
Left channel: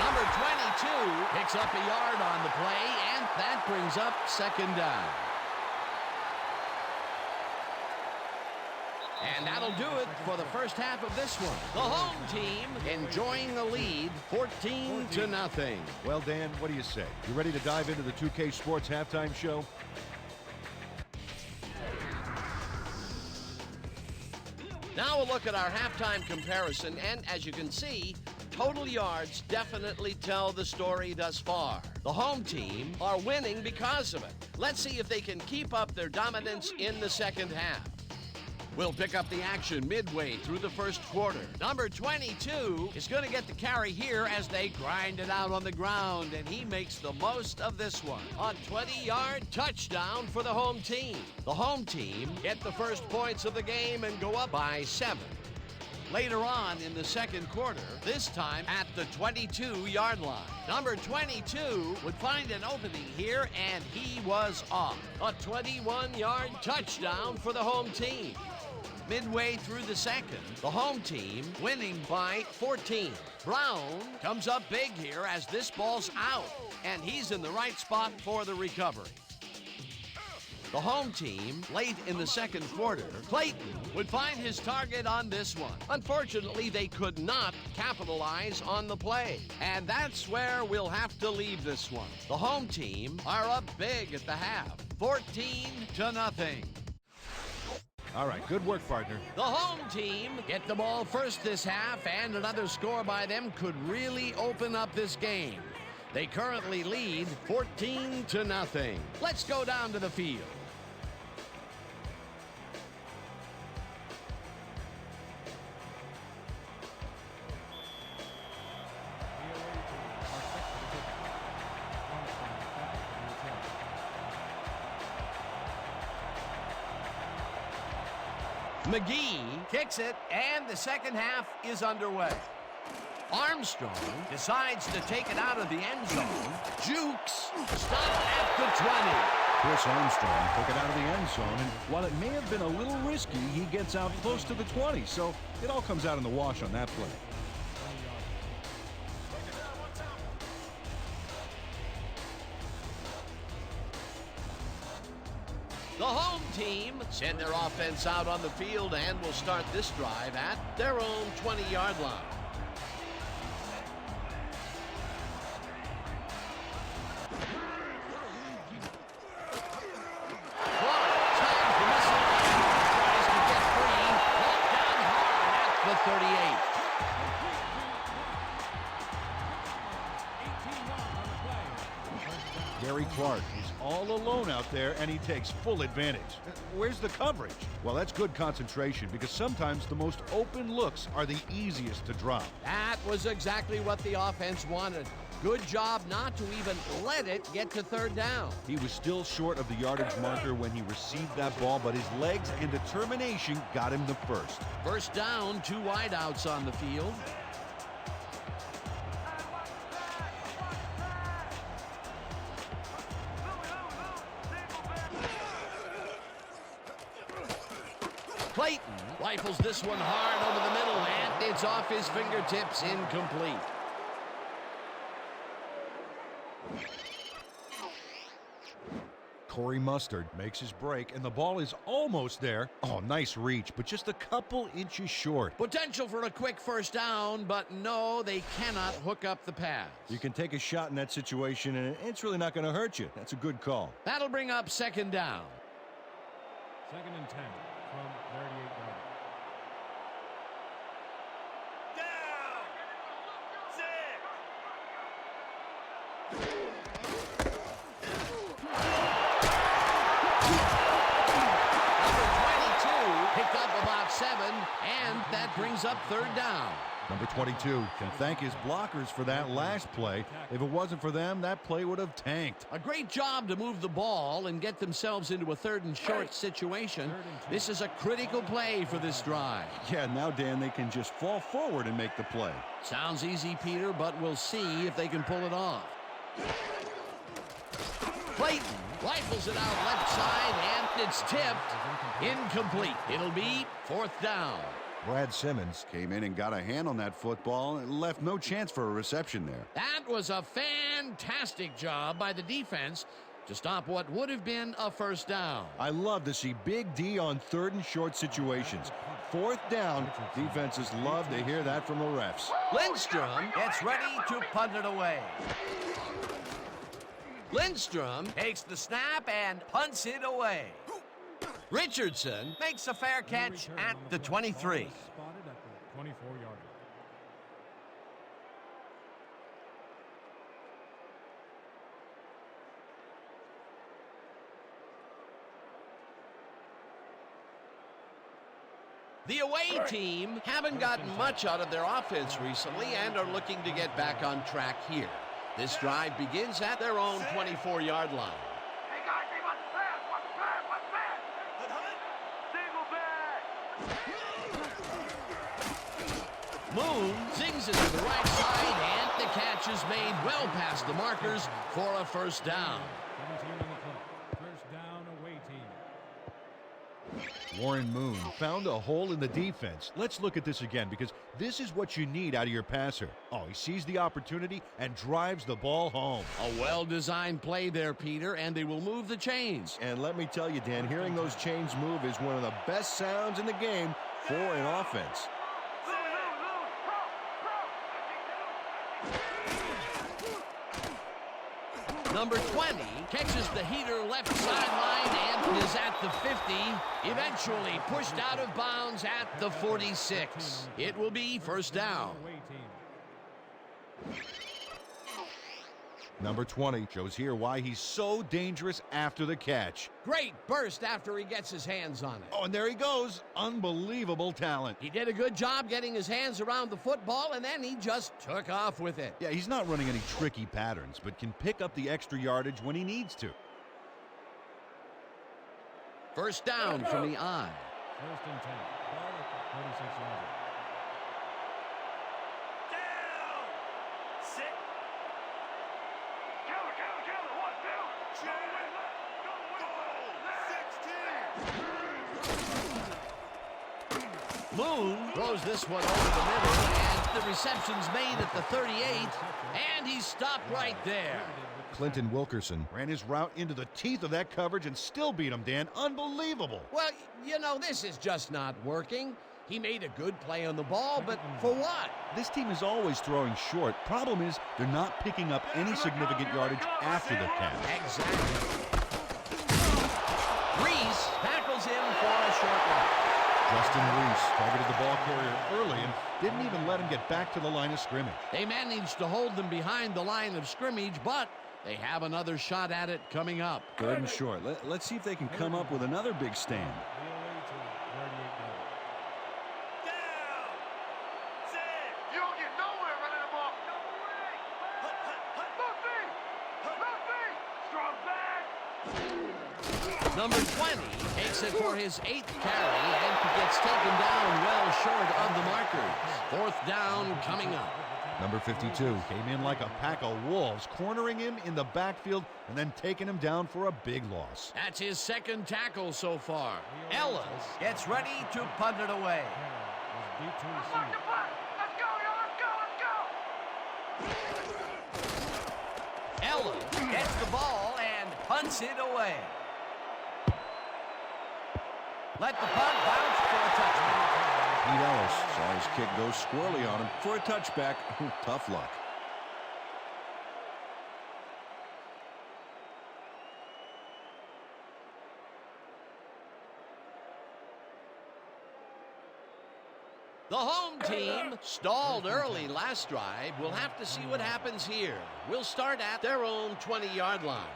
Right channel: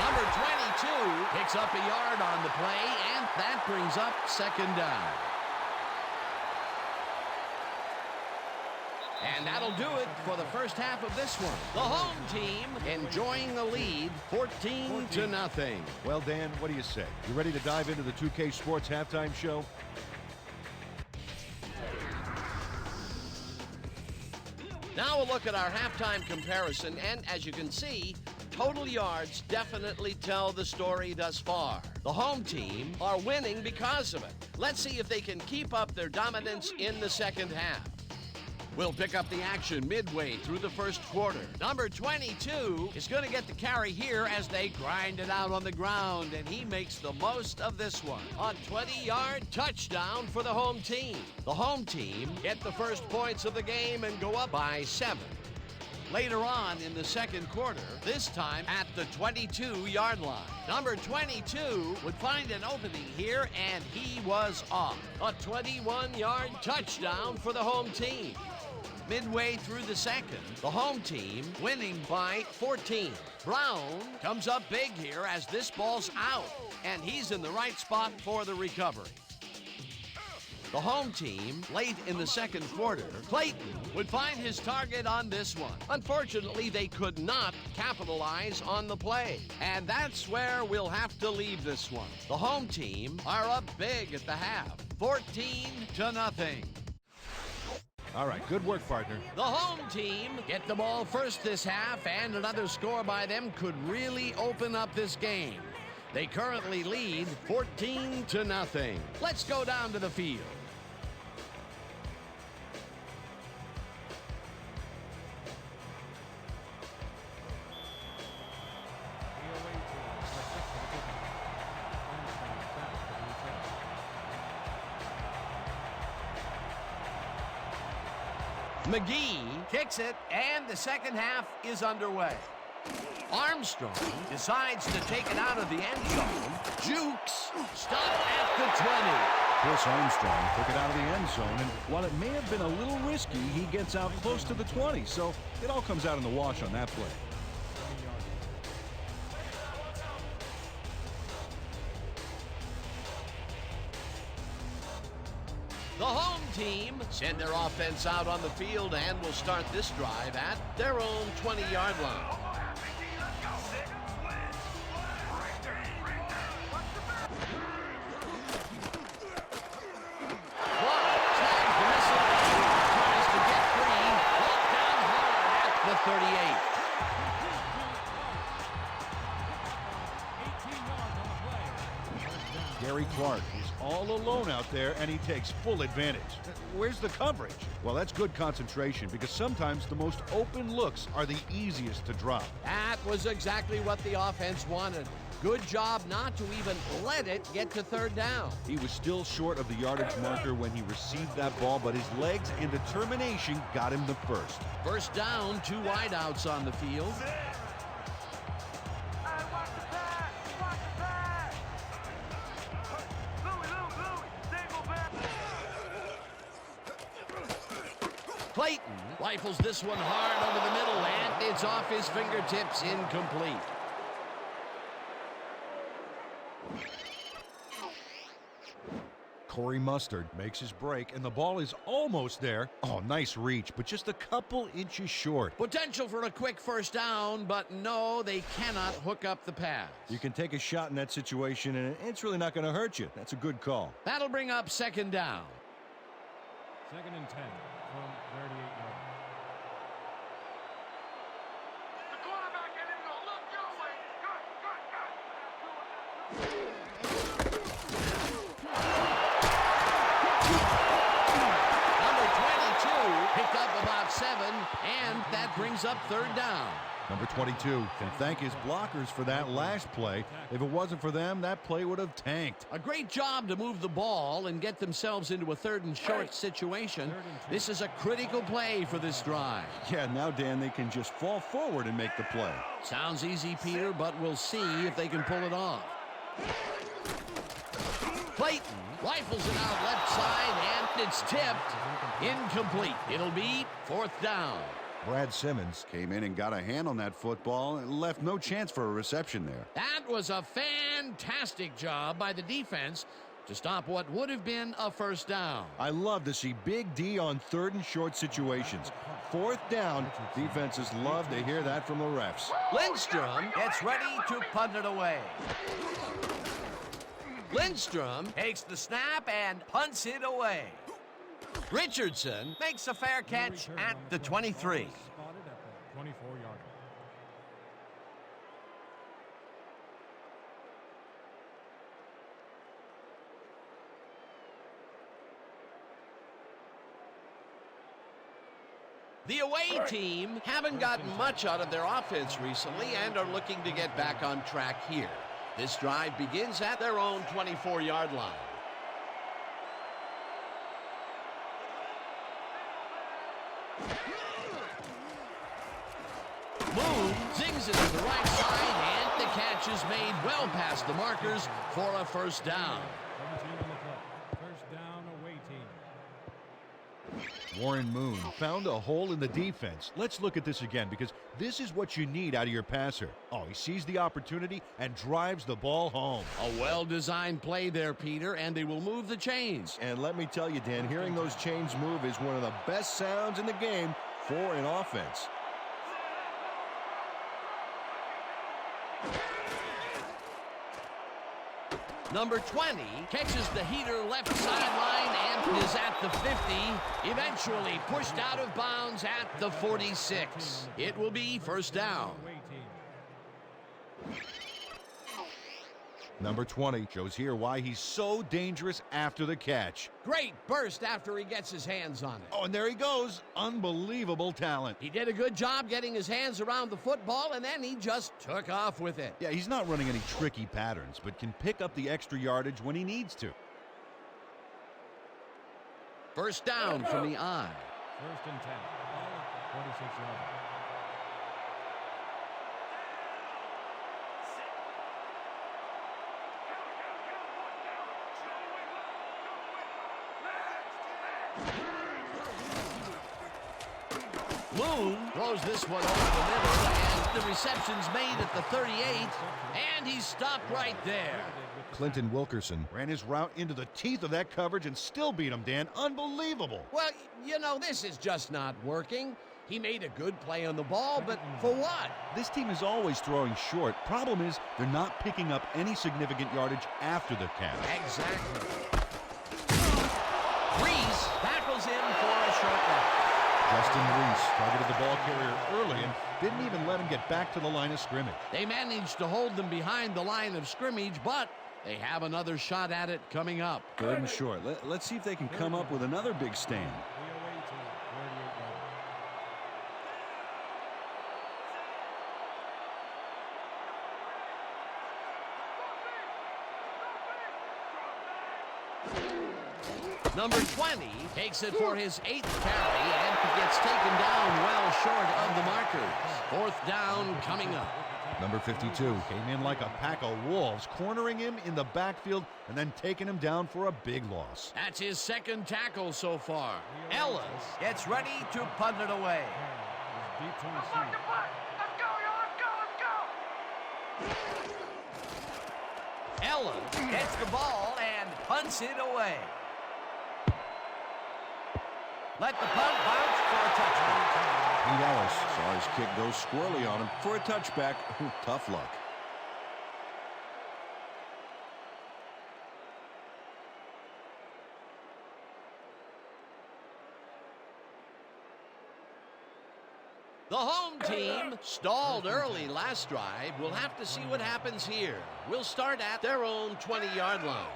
Number 22 picks up a yard on the play, and that brings up 2nd down. And that'll do it for the first half of this one. The home team enjoying the lead, 14-0. Well, Dan, what do you say? You ready to dive into the 2K Sports halftime show? Now a look at our halftime comparison, and as you can see, total yards definitely tell the story thus far. The home team are winning because of it. Let's see if they can keep up their dominance in the second half. We'll pick up the action midway through the first quarter. Number 22 is going to get the carry here as they grind it out on the ground, and he makes the most of this one. A 20-yard touchdown for the home team. The home team get the first points of the game and go up by 7. Later on in the second quarter, this time at the 22-yard line. Number 22 would find an opening here, and he was off. A 21-yard touchdown for the home team. Midway through the second, the home team winning by 14. Brown comes up big here as this ball's out, and he's in the right spot for the recovery. The home team, late in the second quarter, Clayton would find his target on this one. Unfortunately, they could not capitalize on the play, and that's where we'll have to leave this one. The home team are up big at the half, 14-0. All right, good work, partner. The home team get the ball first this half, and another score by them could really open up this game. They currently lead 14-0. Let's go down to the field. The away team are set for the kickoff. Armstrong back for the return. McGee kicks it, and the second half is underway. Armstrong decides to take it out of the end zone. Jukes stopped at the 20. Chris Armstrong took it out of the end zone, and while it may have been a little risky, he gets out close to the 20, so it all comes out in the wash on that play. 20 yards. The home team send their offense out on the field and will start this drive at their own 20-yard line. Clark snags the missile and tries to get free. Brought down hard at the 38. Complete to Clark. Pickup of 18 yards on the play. First down. Gary Clark is all alone out there, and he takes full advantage. Where's the coverage? Well, that's good concentration, because sometimes the most open looks are the easiest to drop. That was exactly what the offense wanted. Good job not to even let it get to third down. He was still short of the yardage marker when he received that ball, but his legs and determination got him the first. First down, 2 wideouts on the field. Hey, watch the pass! Watch the pass! Louie, single back! Clayton rifles this one hard over the middle, and it's off his fingertips, incomplete. Corey Mustard makes his break, and the ball is almost there. Oh, nice reach, but just a couple inches short. Potential for a quick first down, but no, they cannot hook up the pass. You can take a shot in that situation, and it's really not going to hurt you. That's a good call. That'll bring up second down. 2nd and 10 from 38 yards. The quarterback ain't even gonna look your way! Good! Number 22 picked up about 7, and that brings up third down. Number 22 can thank his blockers for that last play. If it wasn't for them, that play would have tanked. A great job to move the ball and get themselves into a 3rd and short situation. This is a critical play for this drive. Yeah, now, Dan, they can just fall forward and make the play. Sounds easy, Peter, but we'll see if they can pull it off. Clayton rifles it out left side, and it's tipped. Incomplete. It'll be 4th down. Brad Simmons came in and got a hand on that football and left no chance for a reception there. That was a fantastic job by the defense to stop what would have been a first down. I love to see Big D on 3rd and short situations. 4th down, defenses love to hear that from the refs. Lindstrom gets ready to punt it away. Lindstrom takes the snap and punts it away. Richardson makes a fair catch at the 23. Spotted at the 24-yard line. The away team haven't gotten much out of their offense recently and are looking to get back on track here. This drive begins at their own 24-yard line. Hey guys, they want the pass! Watch the pass! Single back! Moon zings it to the right side, and the catch is made well past the markers for a first down. 17 on the play. First down, away team. Warren Moon found a hole in the defense. Let's look at this again, because this is what you need out of your passer. Oh, he sees the opportunity and drives the ball home. A well-designed play there, Peter, and they will move the chains. And let me tell you, Dan, hearing those chains move is one of the best sounds in the game for an offense. Louie! I see two! Number 20 catches the heater left sideline and is at the 50, eventually pushed out of bounds at the 46. It will be first down. Away team. Number 20 shows here why he's so dangerous after the catch. Great burst after he gets his hands on it. Oh, and there he goes. Unbelievable talent. He did a good job getting his hands around the football, and then he just took off with it. Yeah, he's not running any tricky patterns, but can pick up the extra yardage when he needs to. First down from the eye. 1st and 10. Ball at the 46-yard line. Counter! One counter! Go wing left! Moon throws this one over the middle, and the reception's made at the 38, and he's stopped right there. Clinton Wilkerson ran his route into the teeth of that coverage and still beat him, Dan. Unbelievable. Well, you know, this is just not working. He made a good play on the ball, but for what? This team is always throwing short. Problem is, they're not picking up any significant yardage after the catch. Exactly. Reese tackles him for a short loss. Justin Reese targeted the ball carrier early and didn't even let him get back to the line of scrimmage. They managed to hold them behind the line of scrimmage, but they have another shot at it coming up. 3rd and short. Let's see if they can come up with another big stand. The away team, 38-yard. You don't get nowhere running the ball. Nothing! Strong back! Number 20 takes it for his 8th carry and gets taken down well short of the markers. 4th down coming up. Number 52 came in like a pack of wolves, cornering him in the backfield and then taking him down for a big loss. That's his 2nd tackle so far. Ellis gets ready to punt it away. Carroll is deep to Let's receive. the punt! Let's go, y'all! Let's go! Ellis gets the ball and punts it away. Let the punt bounce for a touchdown. Pete Ellis saw his kick go squirrely on him for a touchback. Tough luck. The home team stalled early last drive. We'll have to see what happens here. We'll start at their own 20-yard line.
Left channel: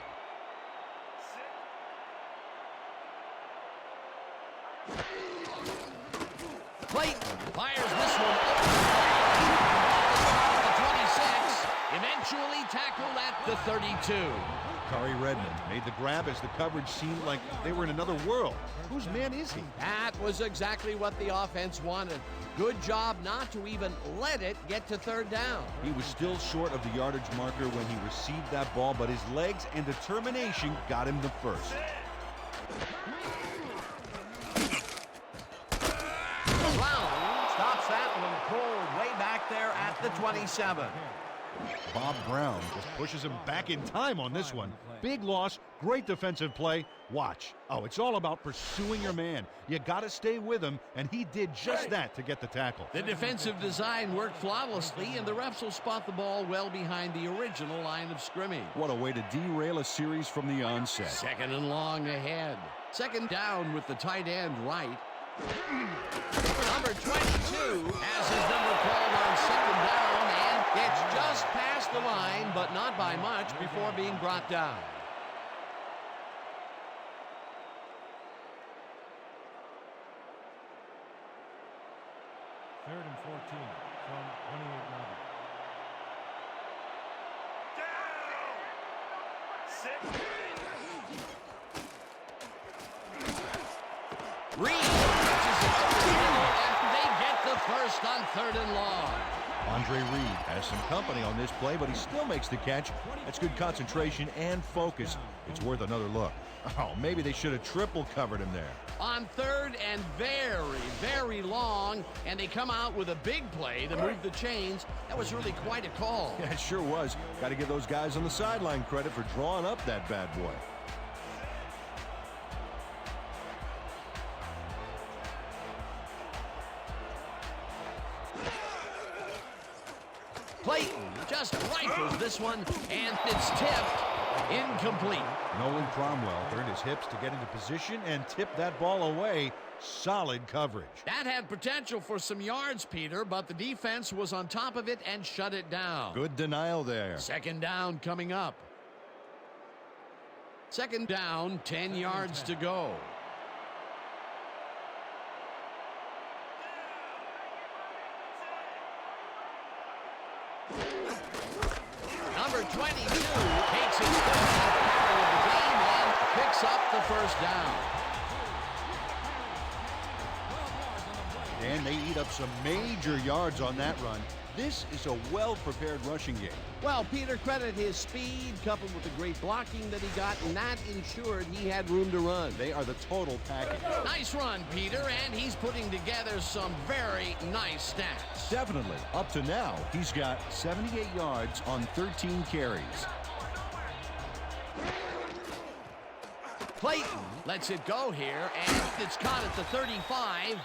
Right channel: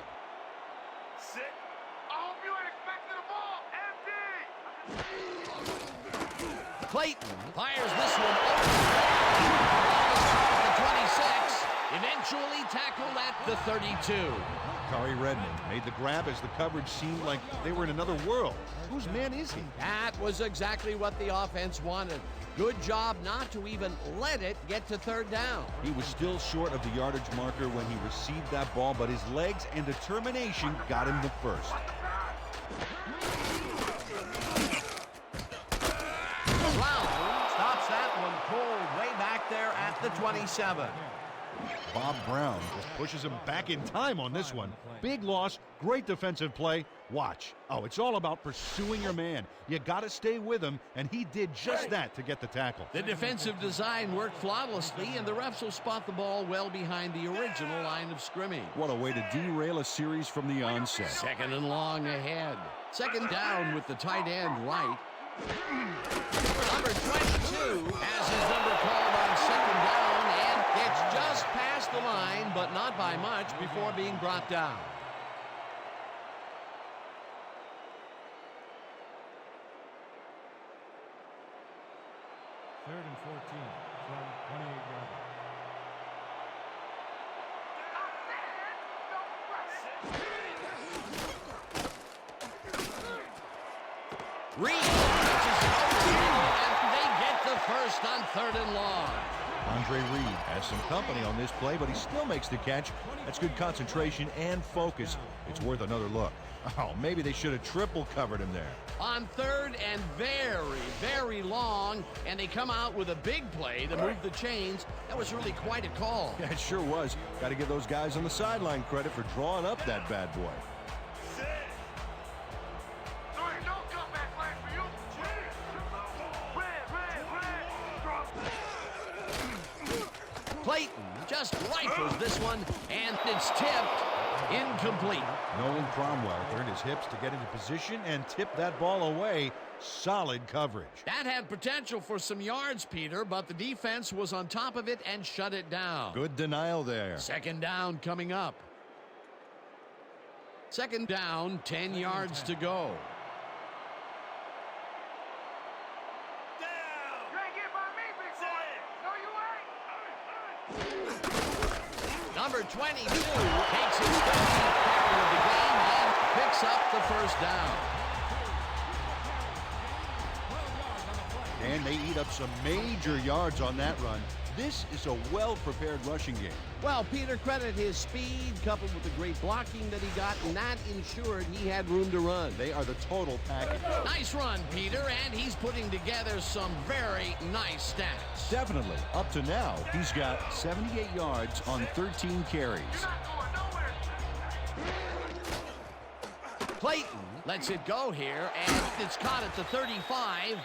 Sit. I hope you ain't expecting the ball. Empty! Clayton fires this one over the middle. The ball is caught at the 26. Eventually tackled at the 32. Kari Redmond made the grab as the coverage seemed like they were in another world. Whose man is he? That was exactly what the offense wanted. Good job not to even let it get to 3rd down. He was still short of the yardage marker when he received that ball, but his legs and determination got him the first. Brown stops that one cold way back there at the 27. Bob Brown just pushes him back in time on this one. Big loss, great defensive play. Watch. Oh, it's all about pursuing your man. You got to stay with him, and he did just that to get the tackle. The defensive design worked flawlessly, and the refs will spot the ball well behind the original line of scrimmage. What a way to derail a series from the onset. 2nd and long ahead. 2nd down with the tight end right. Number 22 has his number called on 2nd down, and it's just past the line, but not by much before being brought down. Third and 14 from 28-yard line. Reed pitches it over the middle, and they get the first on 3rd and long. Andre Reed has some company on this play, but he still makes the catch. That's good concentration and focus. It's worth another look. Oh, maybe they should have triple covered him there. On 3rd and very, very long, and they come out with a big play to move the chains. That was really quite a call. Yeah, it sure was. Got to give those guys on the sideline credit for drawing up that bad boy. Clayton just rifles this one, and it's tipped. Incomplete. Nolan Cromwell turned his hips to get into position and tipped that ball away. Solid coverage. That had potential for some yards, Peter, but the defense was on top of it and shut it down. Good denial there. 2nd down coming up. 2nd down, 10 yards to go. Number 22 takes his 13th carry of the game and picks up the 1st down. And they eat up some major yards on that run. This is a well-prepared rushing game. Well, Peter, credit his speed coupled with the great blocking that he got, and that ensured he had room to run. They are the total package. Nice run, Peter, and he's putting together some very nice stats. Definitely. Up to now, he's got 78 yards on 13 carries. Clayton lets it go here, and it's caught at the 35,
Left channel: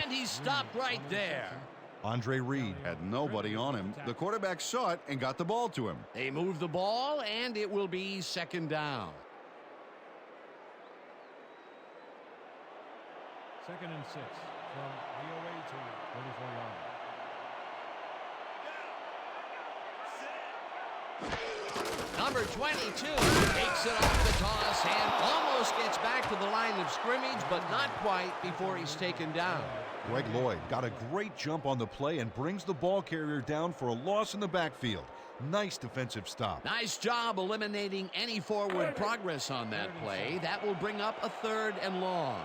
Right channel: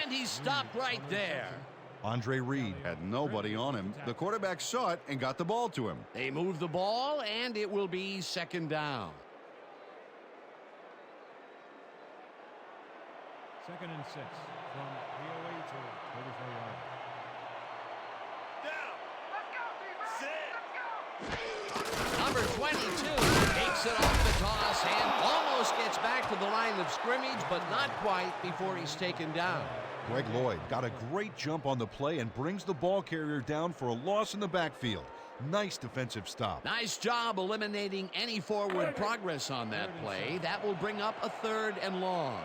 and he's stopped right there. Andre Reed Had nobody on him. The quarterback saw it and got the ball to him. They move the ball, and it will be 2nd down. 2nd and 6 from the away team, 34-yard line. Number 22 takes it off the toss and almost gets back to the line of scrimmage, but not quite before he's taken down. Greg Lloyd got a great jump on the play and brings the ball carrier down for a loss in the backfield. Nice defensive stop. Nice job eliminating any forward progress on that play. That will bring up a 3rd and long.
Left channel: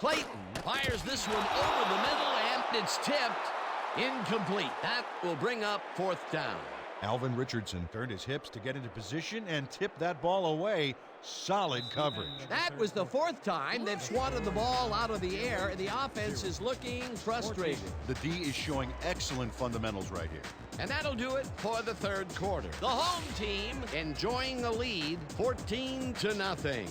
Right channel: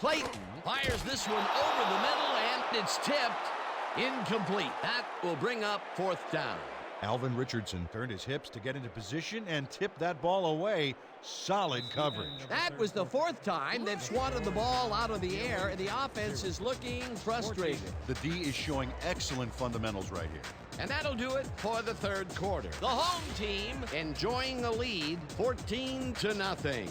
Clayton fires this one over the middle, and it's tipped. Incomplete. That will bring up 4th down. Alvin Richardson turned his hips to get into position and tipped that ball away. Solid coverage. That was the 4th time they've swatted the ball out of the air, and the offense is looking frustrated. The D is showing excellent fundamentals right here. And that'll do it for the 3rd quarter. The home team enjoying the lead, 14-0.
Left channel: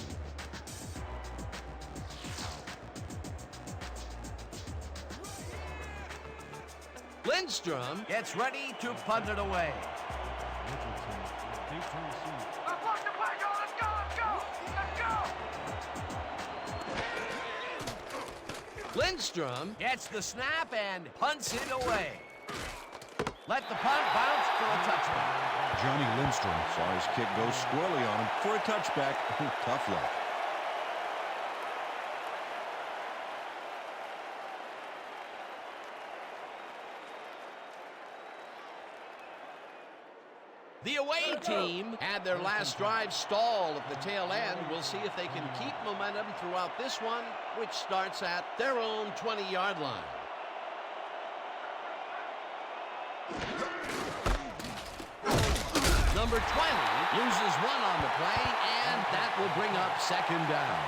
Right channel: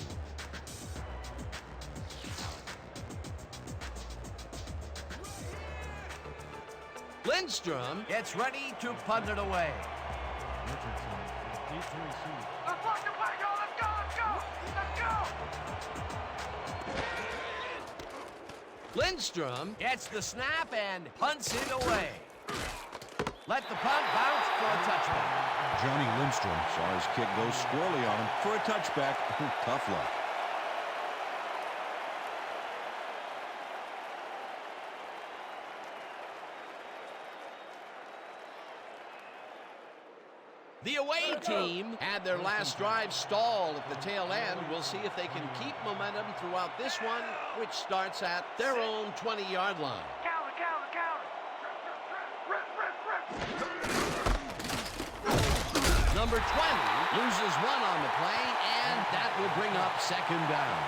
Lindstrom gets ready to punt it away. Richardson is deep to receive. Let's block the play, y'all. Let's go. Let's go. Lindstrom gets the snap and punts it away. Let the punt bounce for a touchback. Johnny Lindstrom Saw his kick go squirrely on him for a touchback. Tough luck. The away team had their last drive stall at the tail end. We'll see if they can keep momentum throughout this one, which starts at their own 20-yard line. Number 20 loses one on the play, and that will bring up 2nd down.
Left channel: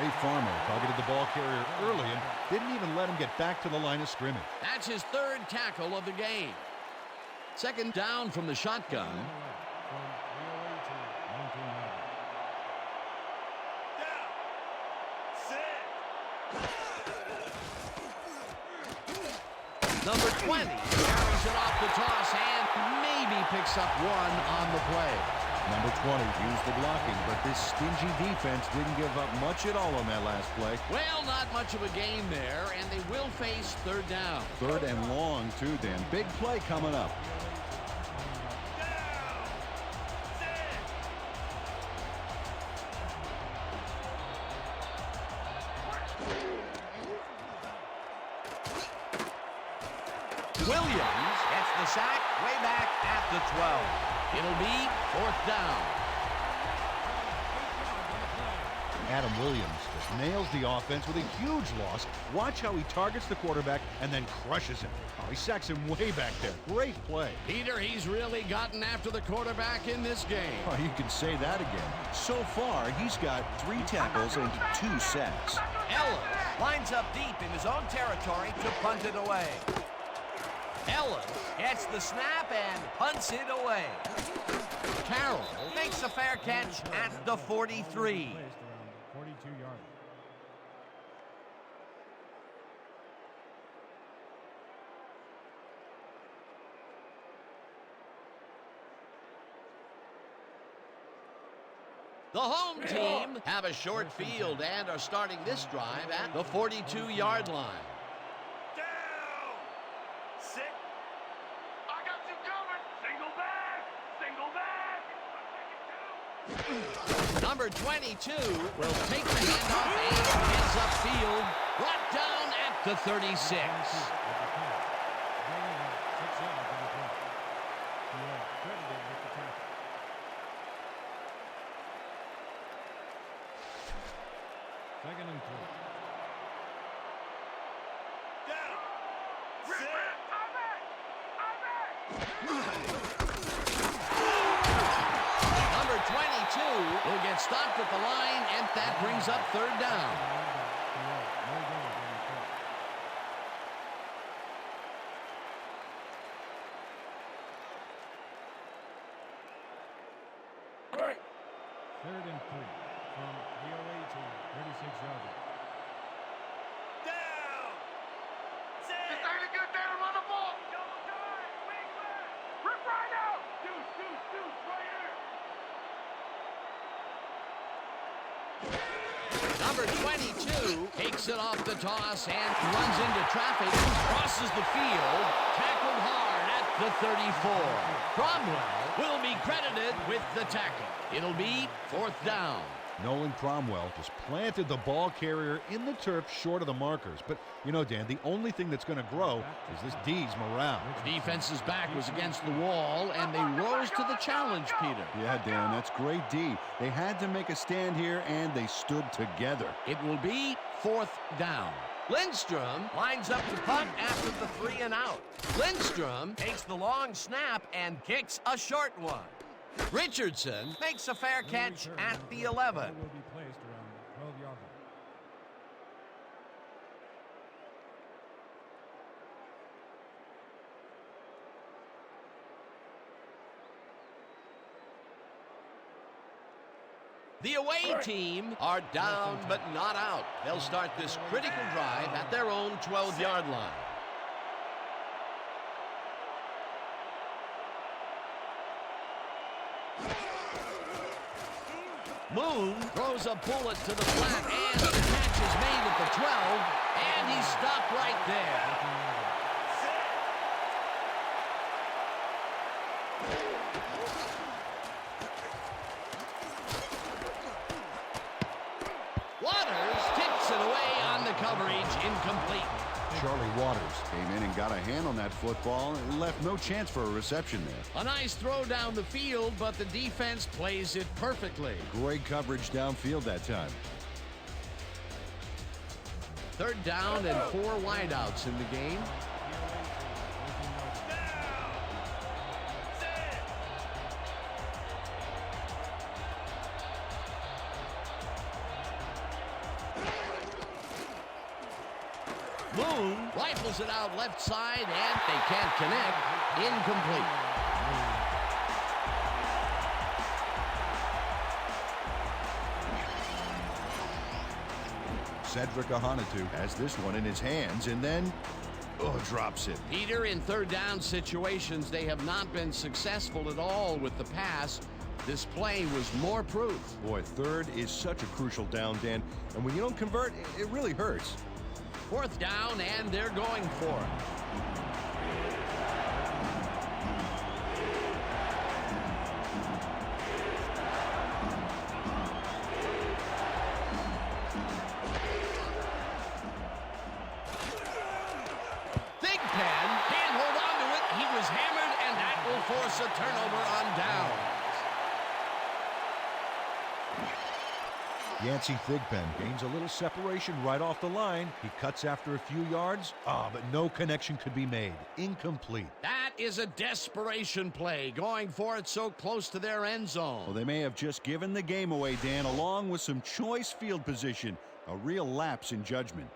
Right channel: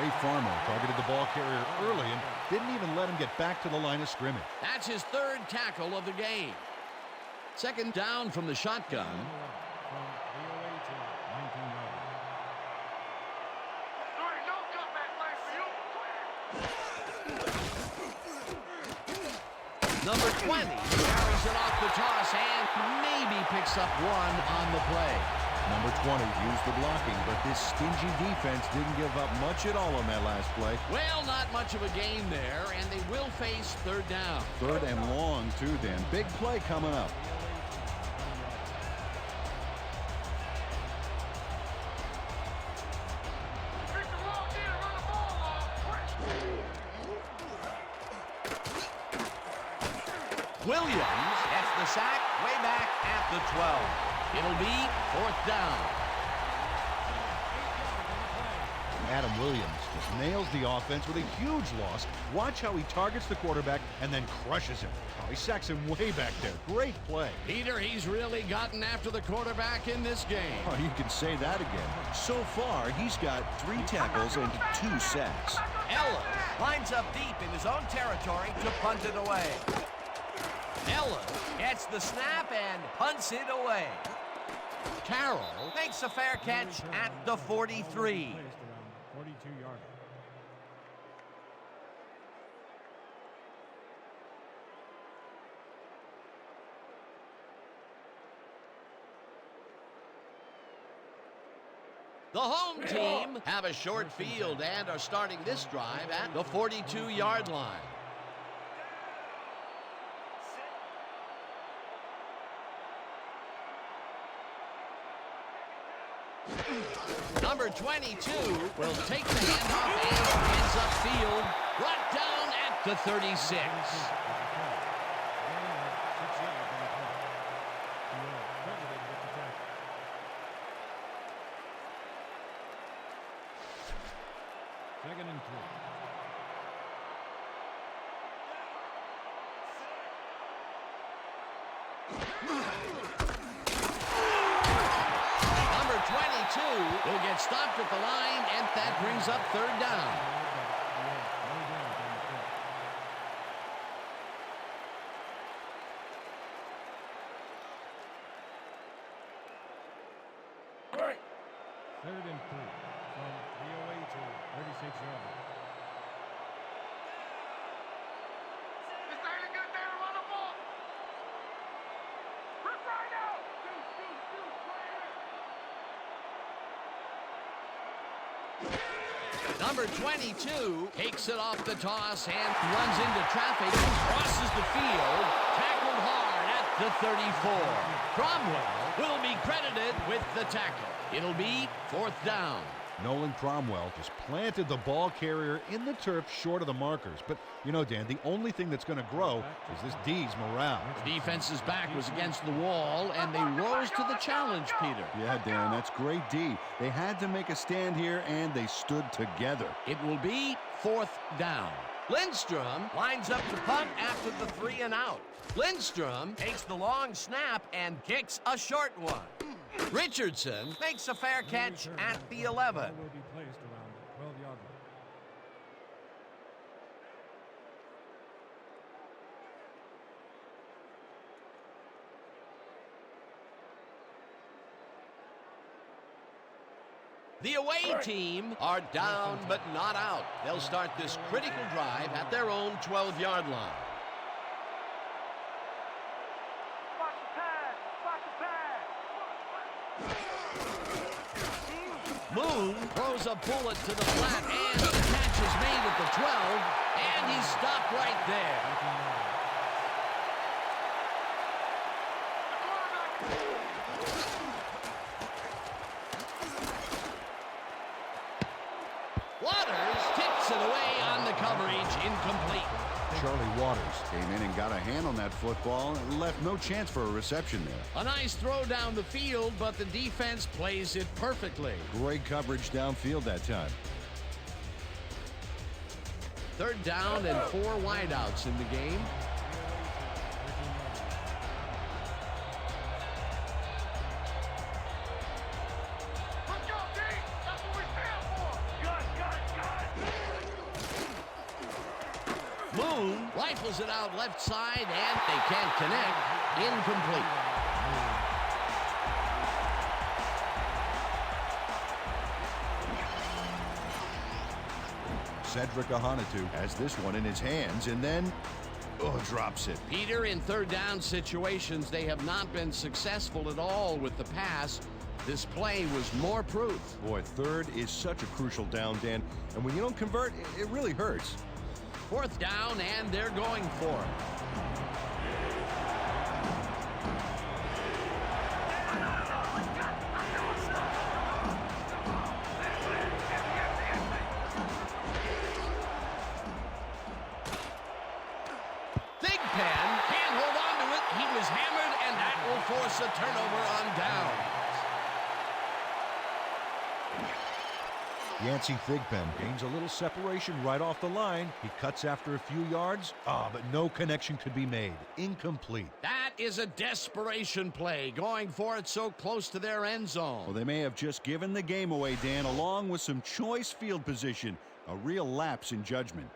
Ray Farmer targeted the ball carrier early and didn't even let him get back to the line of scrimmage. That's his 3rd tackle of the game. 2nd down from the shotgun. 11 from the away team, 19-yard line. Number 20 carries it off the toss and maybe picks up 1 on the play. Number 20 used the blocking, but this stingy defense didn't give up much at all on that last play. Well, not much of a gain there, and they will face 3rd down. 3rd and long, too, Dan. Big play coming up. The away team, 20 yards. Williams gets the sack way back at the 12. It'll be 4th down. 8 yards on the play. Adam Williams just nails the offense with a huge loss. Watch how he targets the quarterback and then crushes him. Oh, he sacks him way back there. Great play. Peter, he's really gotten after the quarterback in this game. Oh, you can say that again. So far, he's got 3 tackles and 2 sacks. Ellis lines up deep in his own territory to punt it away. Ellis gets the snap and punts it away. Carroll makes a fair catch at the 43. Placed around the 42-yard line. The home team have a short field and are starting this drive at the 42-yard line. Number 22 will take the handoff and heads upfield, brought down at the 36. With the carry. Gain of 6 yards on the play. You are credited with the tackle. Second and 3. Number 22 will get stopped at the line, and that brings up 3rd down. No gains on the play. Third and 3 from the away team, 36-yard line. This ain't a good day to run the ball. Rip right out. Deuce. Number 22 takes it off the toss and runs into traffic, crosses the field, tackled hard at the 34. Cromwell will be credited with the tackle. It'll be 4th down. Nolan Cromwell just planted the ball carrier in the turf short of the markers. But, you know, Dan, the only thing that's going to grow is this D's morale. The defense's back was against the wall, and they rose to the challenge, Peter. Yeah, Dan, that's great D. They had to make a stand here, and they stood together. It will be 4th down. Lindstrom lines up to punt after the 3 and out. Lindstrom takes the long snap and kicks a short one. Richardson makes a fair catch at the 11. Ball will be placed around the 12-yard line. The away team are down but not out. They'll start this critical drive at their own 12-yard line. Moon throws a bullet to the flat, and the catch is made at the 12, and he's stopped right there. Waters tips it away on the coverage, incomplete. Charlie Waters Came in and got a hand on that football and left no chance for a reception there. A nice throw down the field, but the defense plays it perfectly. Great coverage downfield that time. 3rd down and 4 wideouts in the game. The away team, 13-yard line. Moon rifles it out left side, and they can't connect. Incomplete. Cedric Ahanitu Has this one in his hands and then drops it. Peter, in 3rd down situations, they have not been successful at all with the pass. This play was more proof. Boy, 3rd is such a crucial down, Dan, and when you don't convert, it really hurts. 4th down, and they're going for it. Thigpen can't hold on to it. He was hammered, and that will force a turnover on downs. Yancey Thigpen gains a little separation right off the line. He cuts after a few yards, but no connection could be made. Incomplete. That is a desperation play, going for it so close to their end zone. Well, they may have just given the game away, Dan, along with some choice field position. A real lapse in judgment.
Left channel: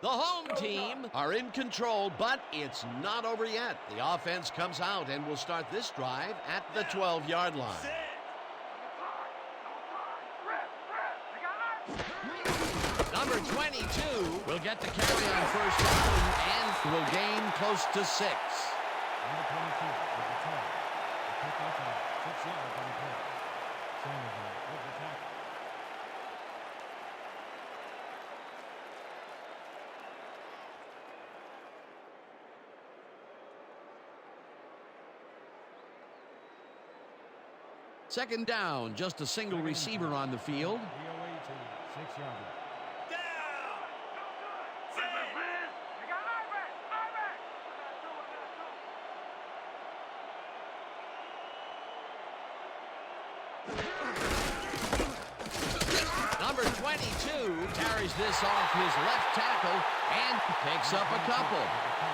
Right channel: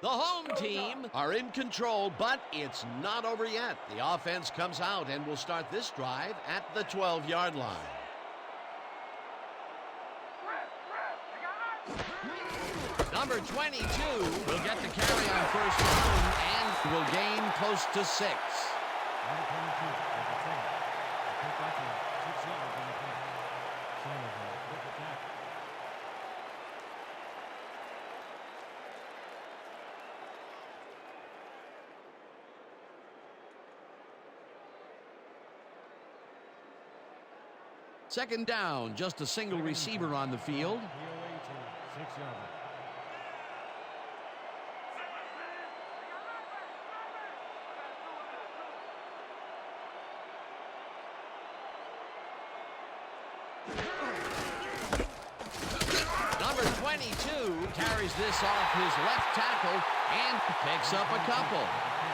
The home team are in control, but it's not over yet. The offense comes out and will start this drive at the 12-yard line. Number 22 will get the carry on 1st down and will gain close to 6. Number 22 with the turn. The pickup of 6 yards on the play. Sandoval with the tackle. Second down, just a single receiver on the field. The away team, 6-yard line. Number 22 carries this off his left tackle and picks up a couple.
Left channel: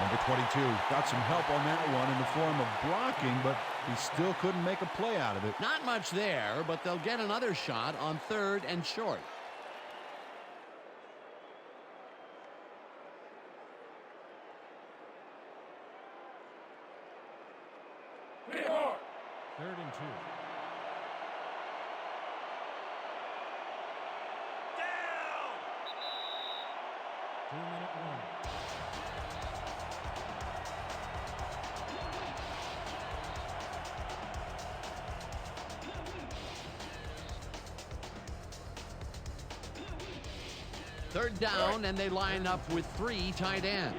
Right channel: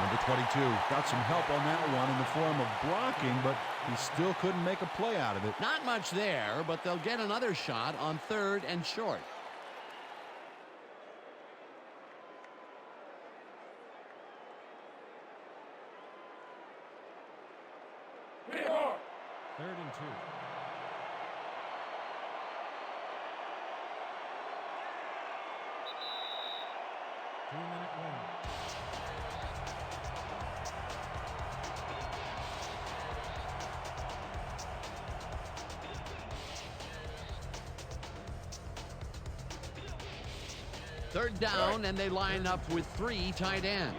Number 22 got some help on that one in the form of blocking, but he still couldn't make a play out of it. Not much there, but they'll get another shot on 3rd and short. Third and 2. Two-minute warning. Third down, and they line up with 3 tight ends.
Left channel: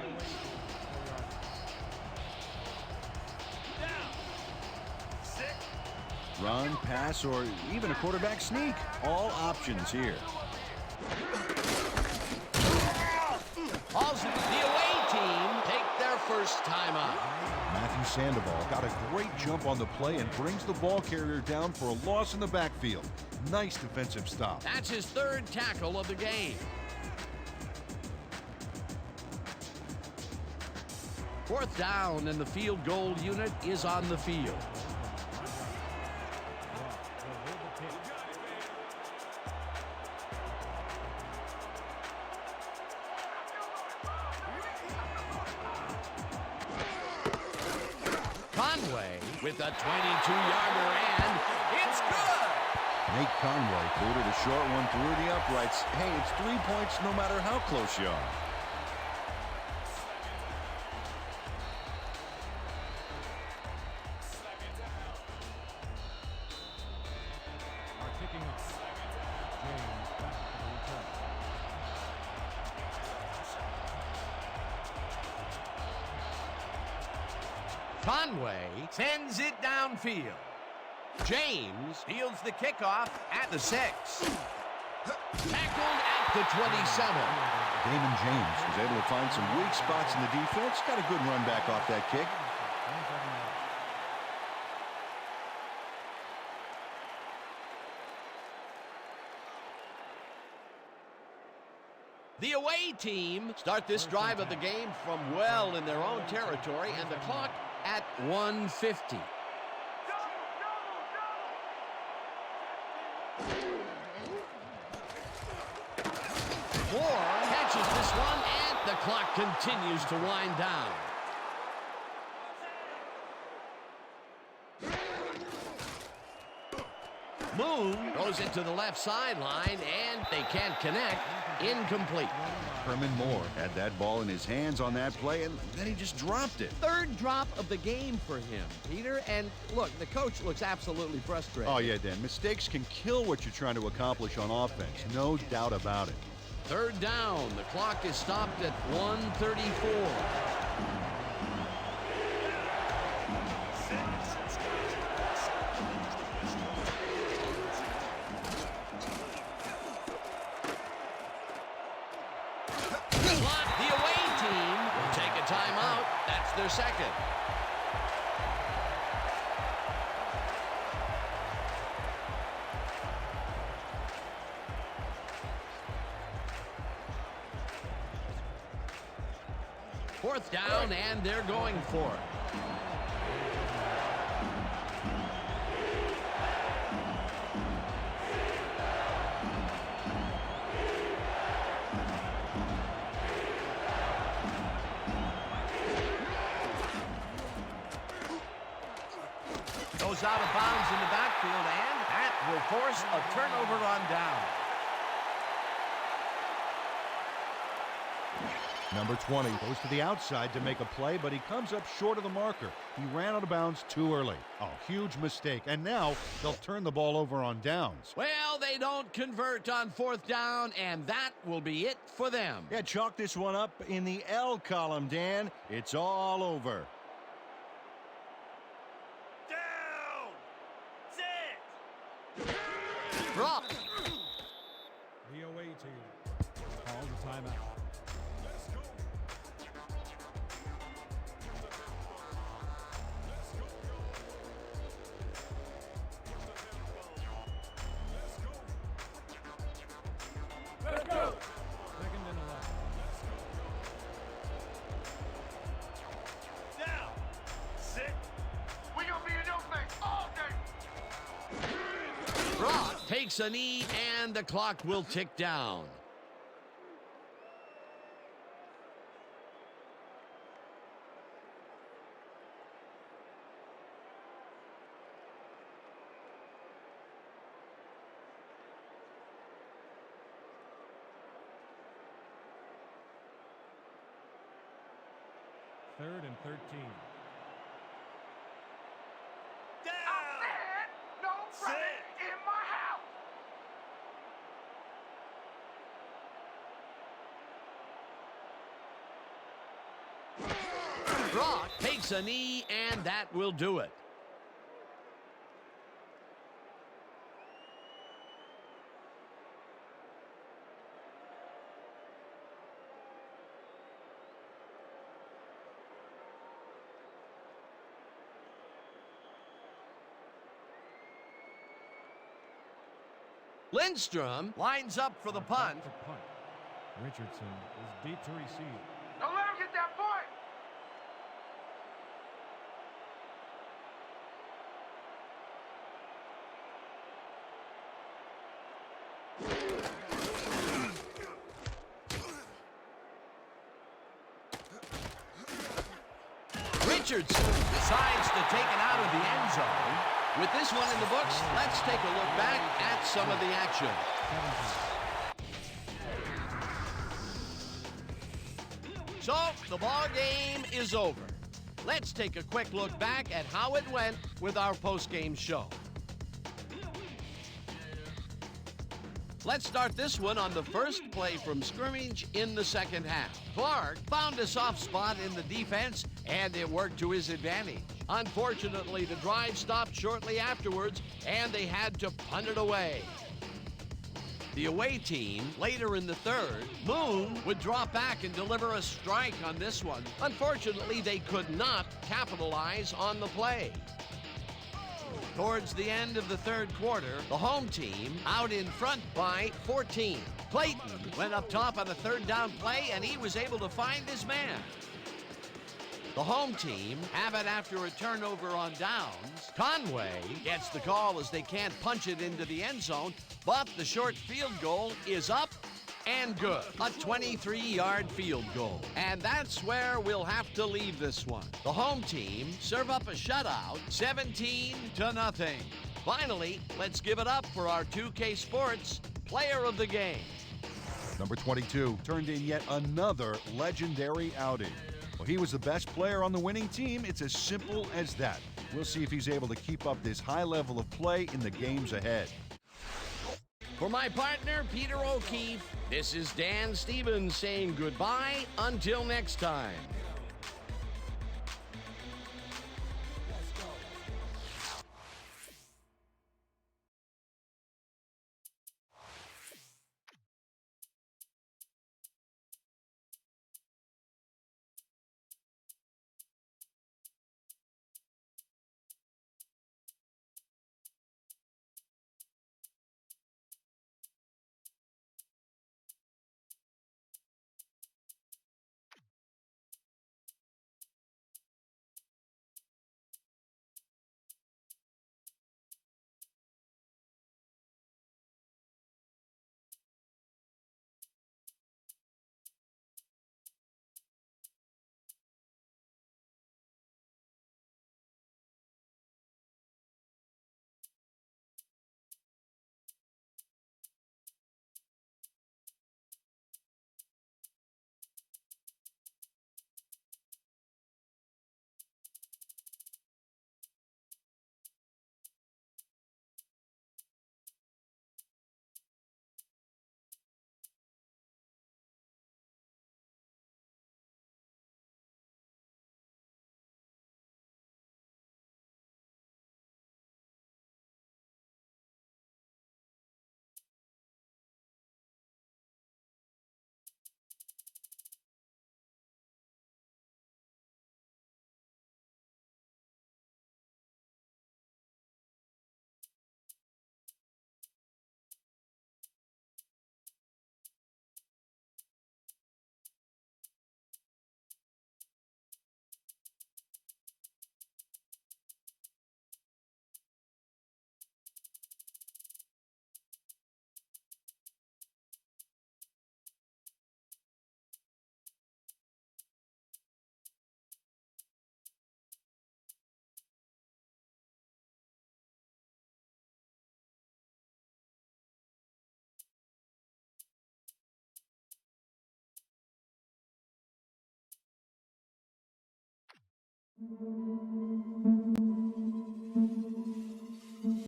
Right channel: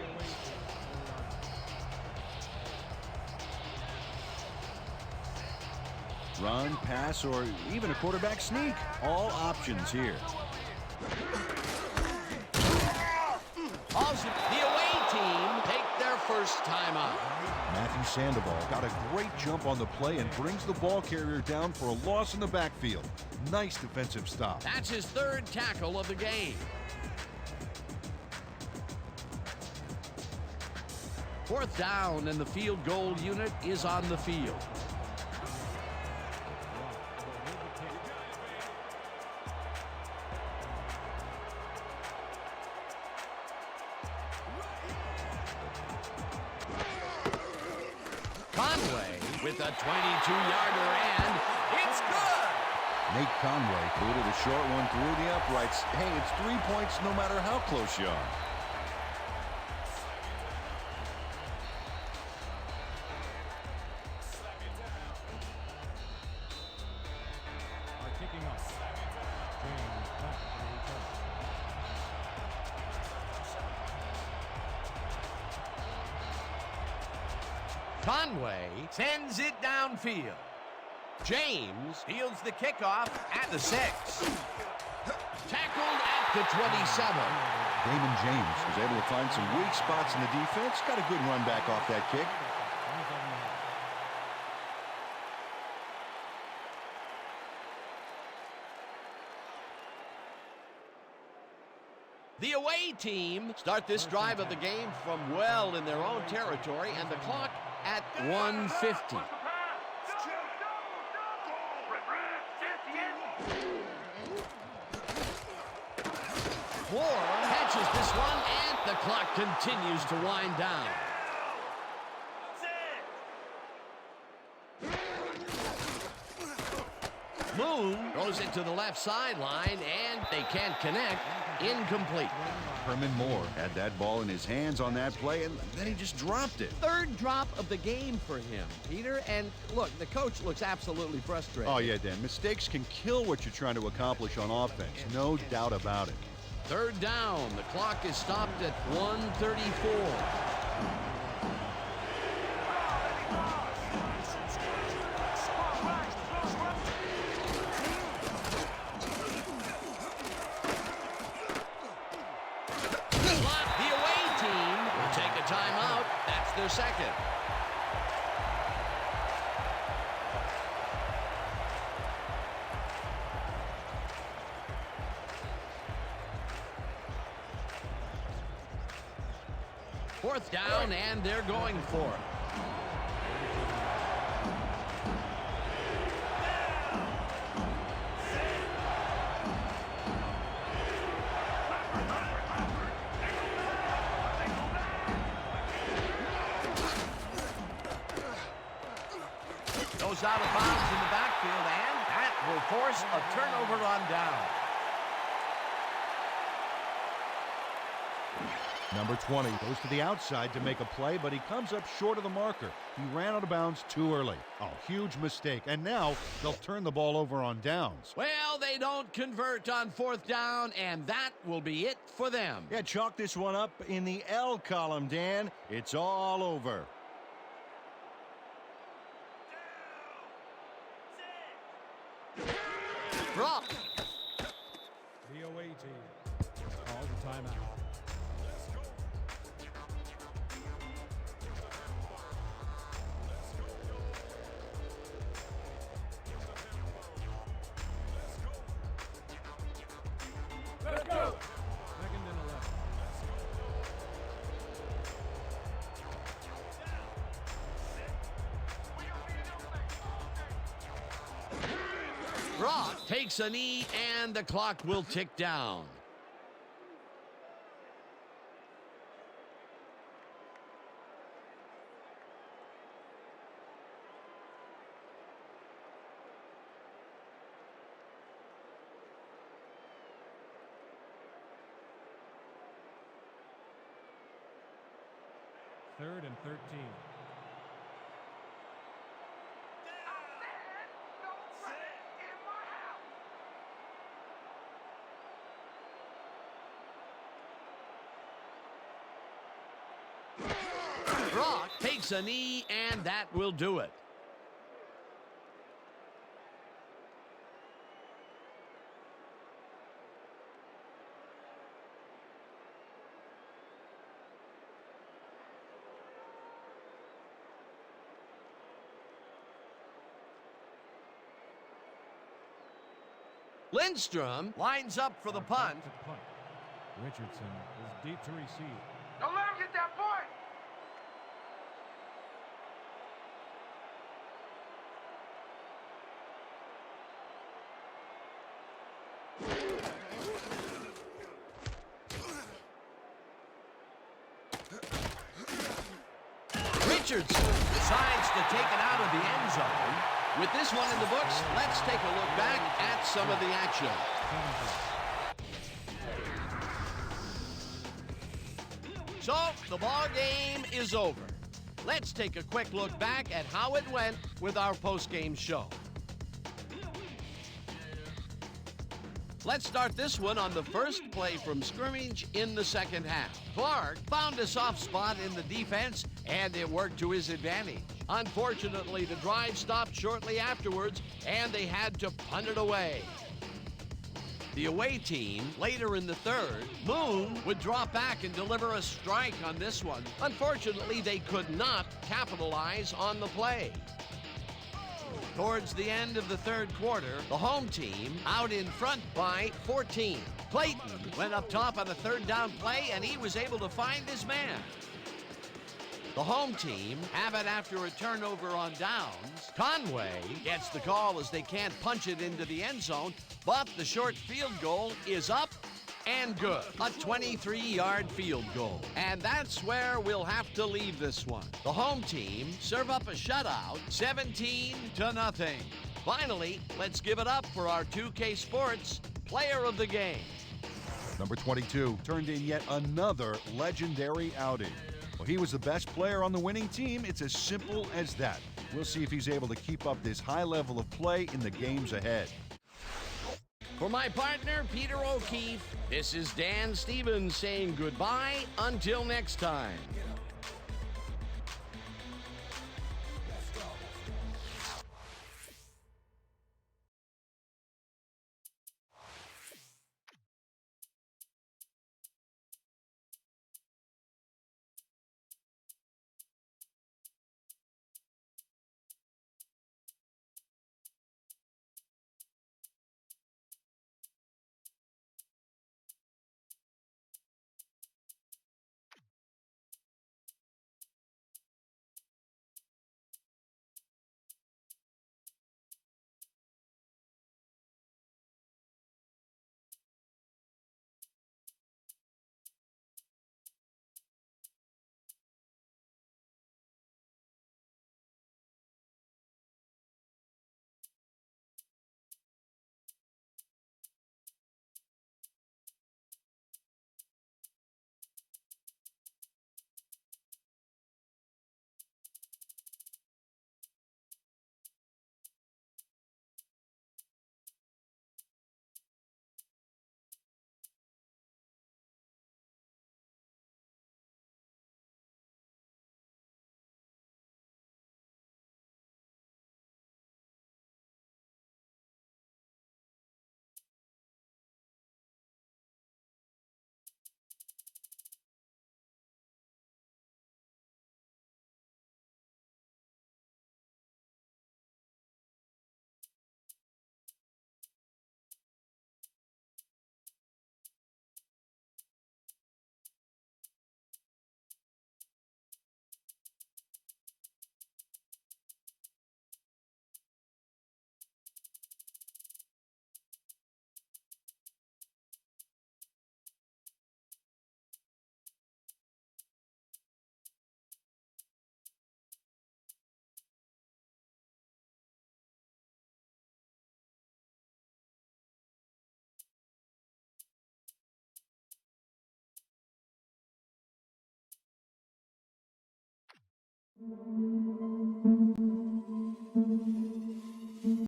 Run, pass, or even a quarterback sneak. All options here. Also, the away team take their first time out. Matthew Sandoval got a great jump on the play and brings the ball carrier down for a loss in the backfield. Nice defensive stop. That's his 3rd tackle of the game. 4th down, and the field goal unit is on the field. Conway with a 22-yarder, and it's good! Nate Conway booted a short one through the uprights. Hey, it's 3 points no matter how close you are. Are kicking off. James back for the return. Conway sends it downfield. James fields the kickoff at the 6. Tackled at the 27. Damon James was able to find some weak spots in the defense. Got a good run back off that kick. 27 yards. The away team start this drive of the game from well in their own territory, and the clock at 1:50. Moore catches this one, and the clock continues to wind down. Moon throws it to the left sideline, and they can't connect. Incomplete. Herman Moore had that ball in his hands on that play, and then he just dropped it. 3rd drop of the game for him, Peter. And look, the coach looks absolutely frustrated. Oh, yeah, Dan. Mistakes can kill what you're trying to accomplish on offense. No doubt about it. 3rd down. The clock is stopped at 1:34. The away team will take a timeout. That's their 2nd. Fourth down, and they're going for it. Goes out of bounds in the backfield, and that will force a turnover on down. Number 20 goes to the outside to make a play, but he comes up short of the marker. He ran out of bounds too early. Oh, huge mistake. And now they'll turn the ball over on downs. Well, they don't convert on 4th down, and that will be it for them. Yeah, chalk this one up in the L column, Dan. It's all over. Rock. The away team calls a timeout. Let's go. 2nd and 11. Down. Sit. We gonna be in your face all day. Brock takes a knee, and the clock will tick down. Third and 13. I said no running in my house. Brock takes a knee, and that will do it. Lindstrom lines up for the punt. To punt. Richardson is deep to receive. Don't let him get that point. Richardson decides to take it out of the end zone. With this one in the books, let's take a look back at some of the action. So, the ball game is over. Let's take a quick look back at how it went with our post-game show. Let's start this one on the first play from scrimmage in the second half. Clark found a soft spot in the defense, and it worked to his advantage. Unfortunately, the drive stopped shortly afterwards, and they had to punt it away. The away team, later in the third, Moon would drop back and deliver a strike on this one. Unfortunately, they could not capitalize on the play. Towards the end of the third quarter, the home team out in front by 14. Clayton went up top on a third down play, and he was able to find his man. The home team have it after a turnover on downs. Conway gets the call as they can't punch it into the end zone, but the short field goal is up and good. A 23-yard field goal. And that's where we'll have to leave this one. The home team serve up a shutout, 17-0. Finally, let's give it up for our 2K Sports Player of the Game. Number 22 turned in yet another legendary outing. Well, he was the best player on the winning team. It's as simple as that. We'll see if he's able to keep up this high level of play in the games ahead. For my partner, Peter O'Keefe, this is Dan Stevens saying goodbye until next time.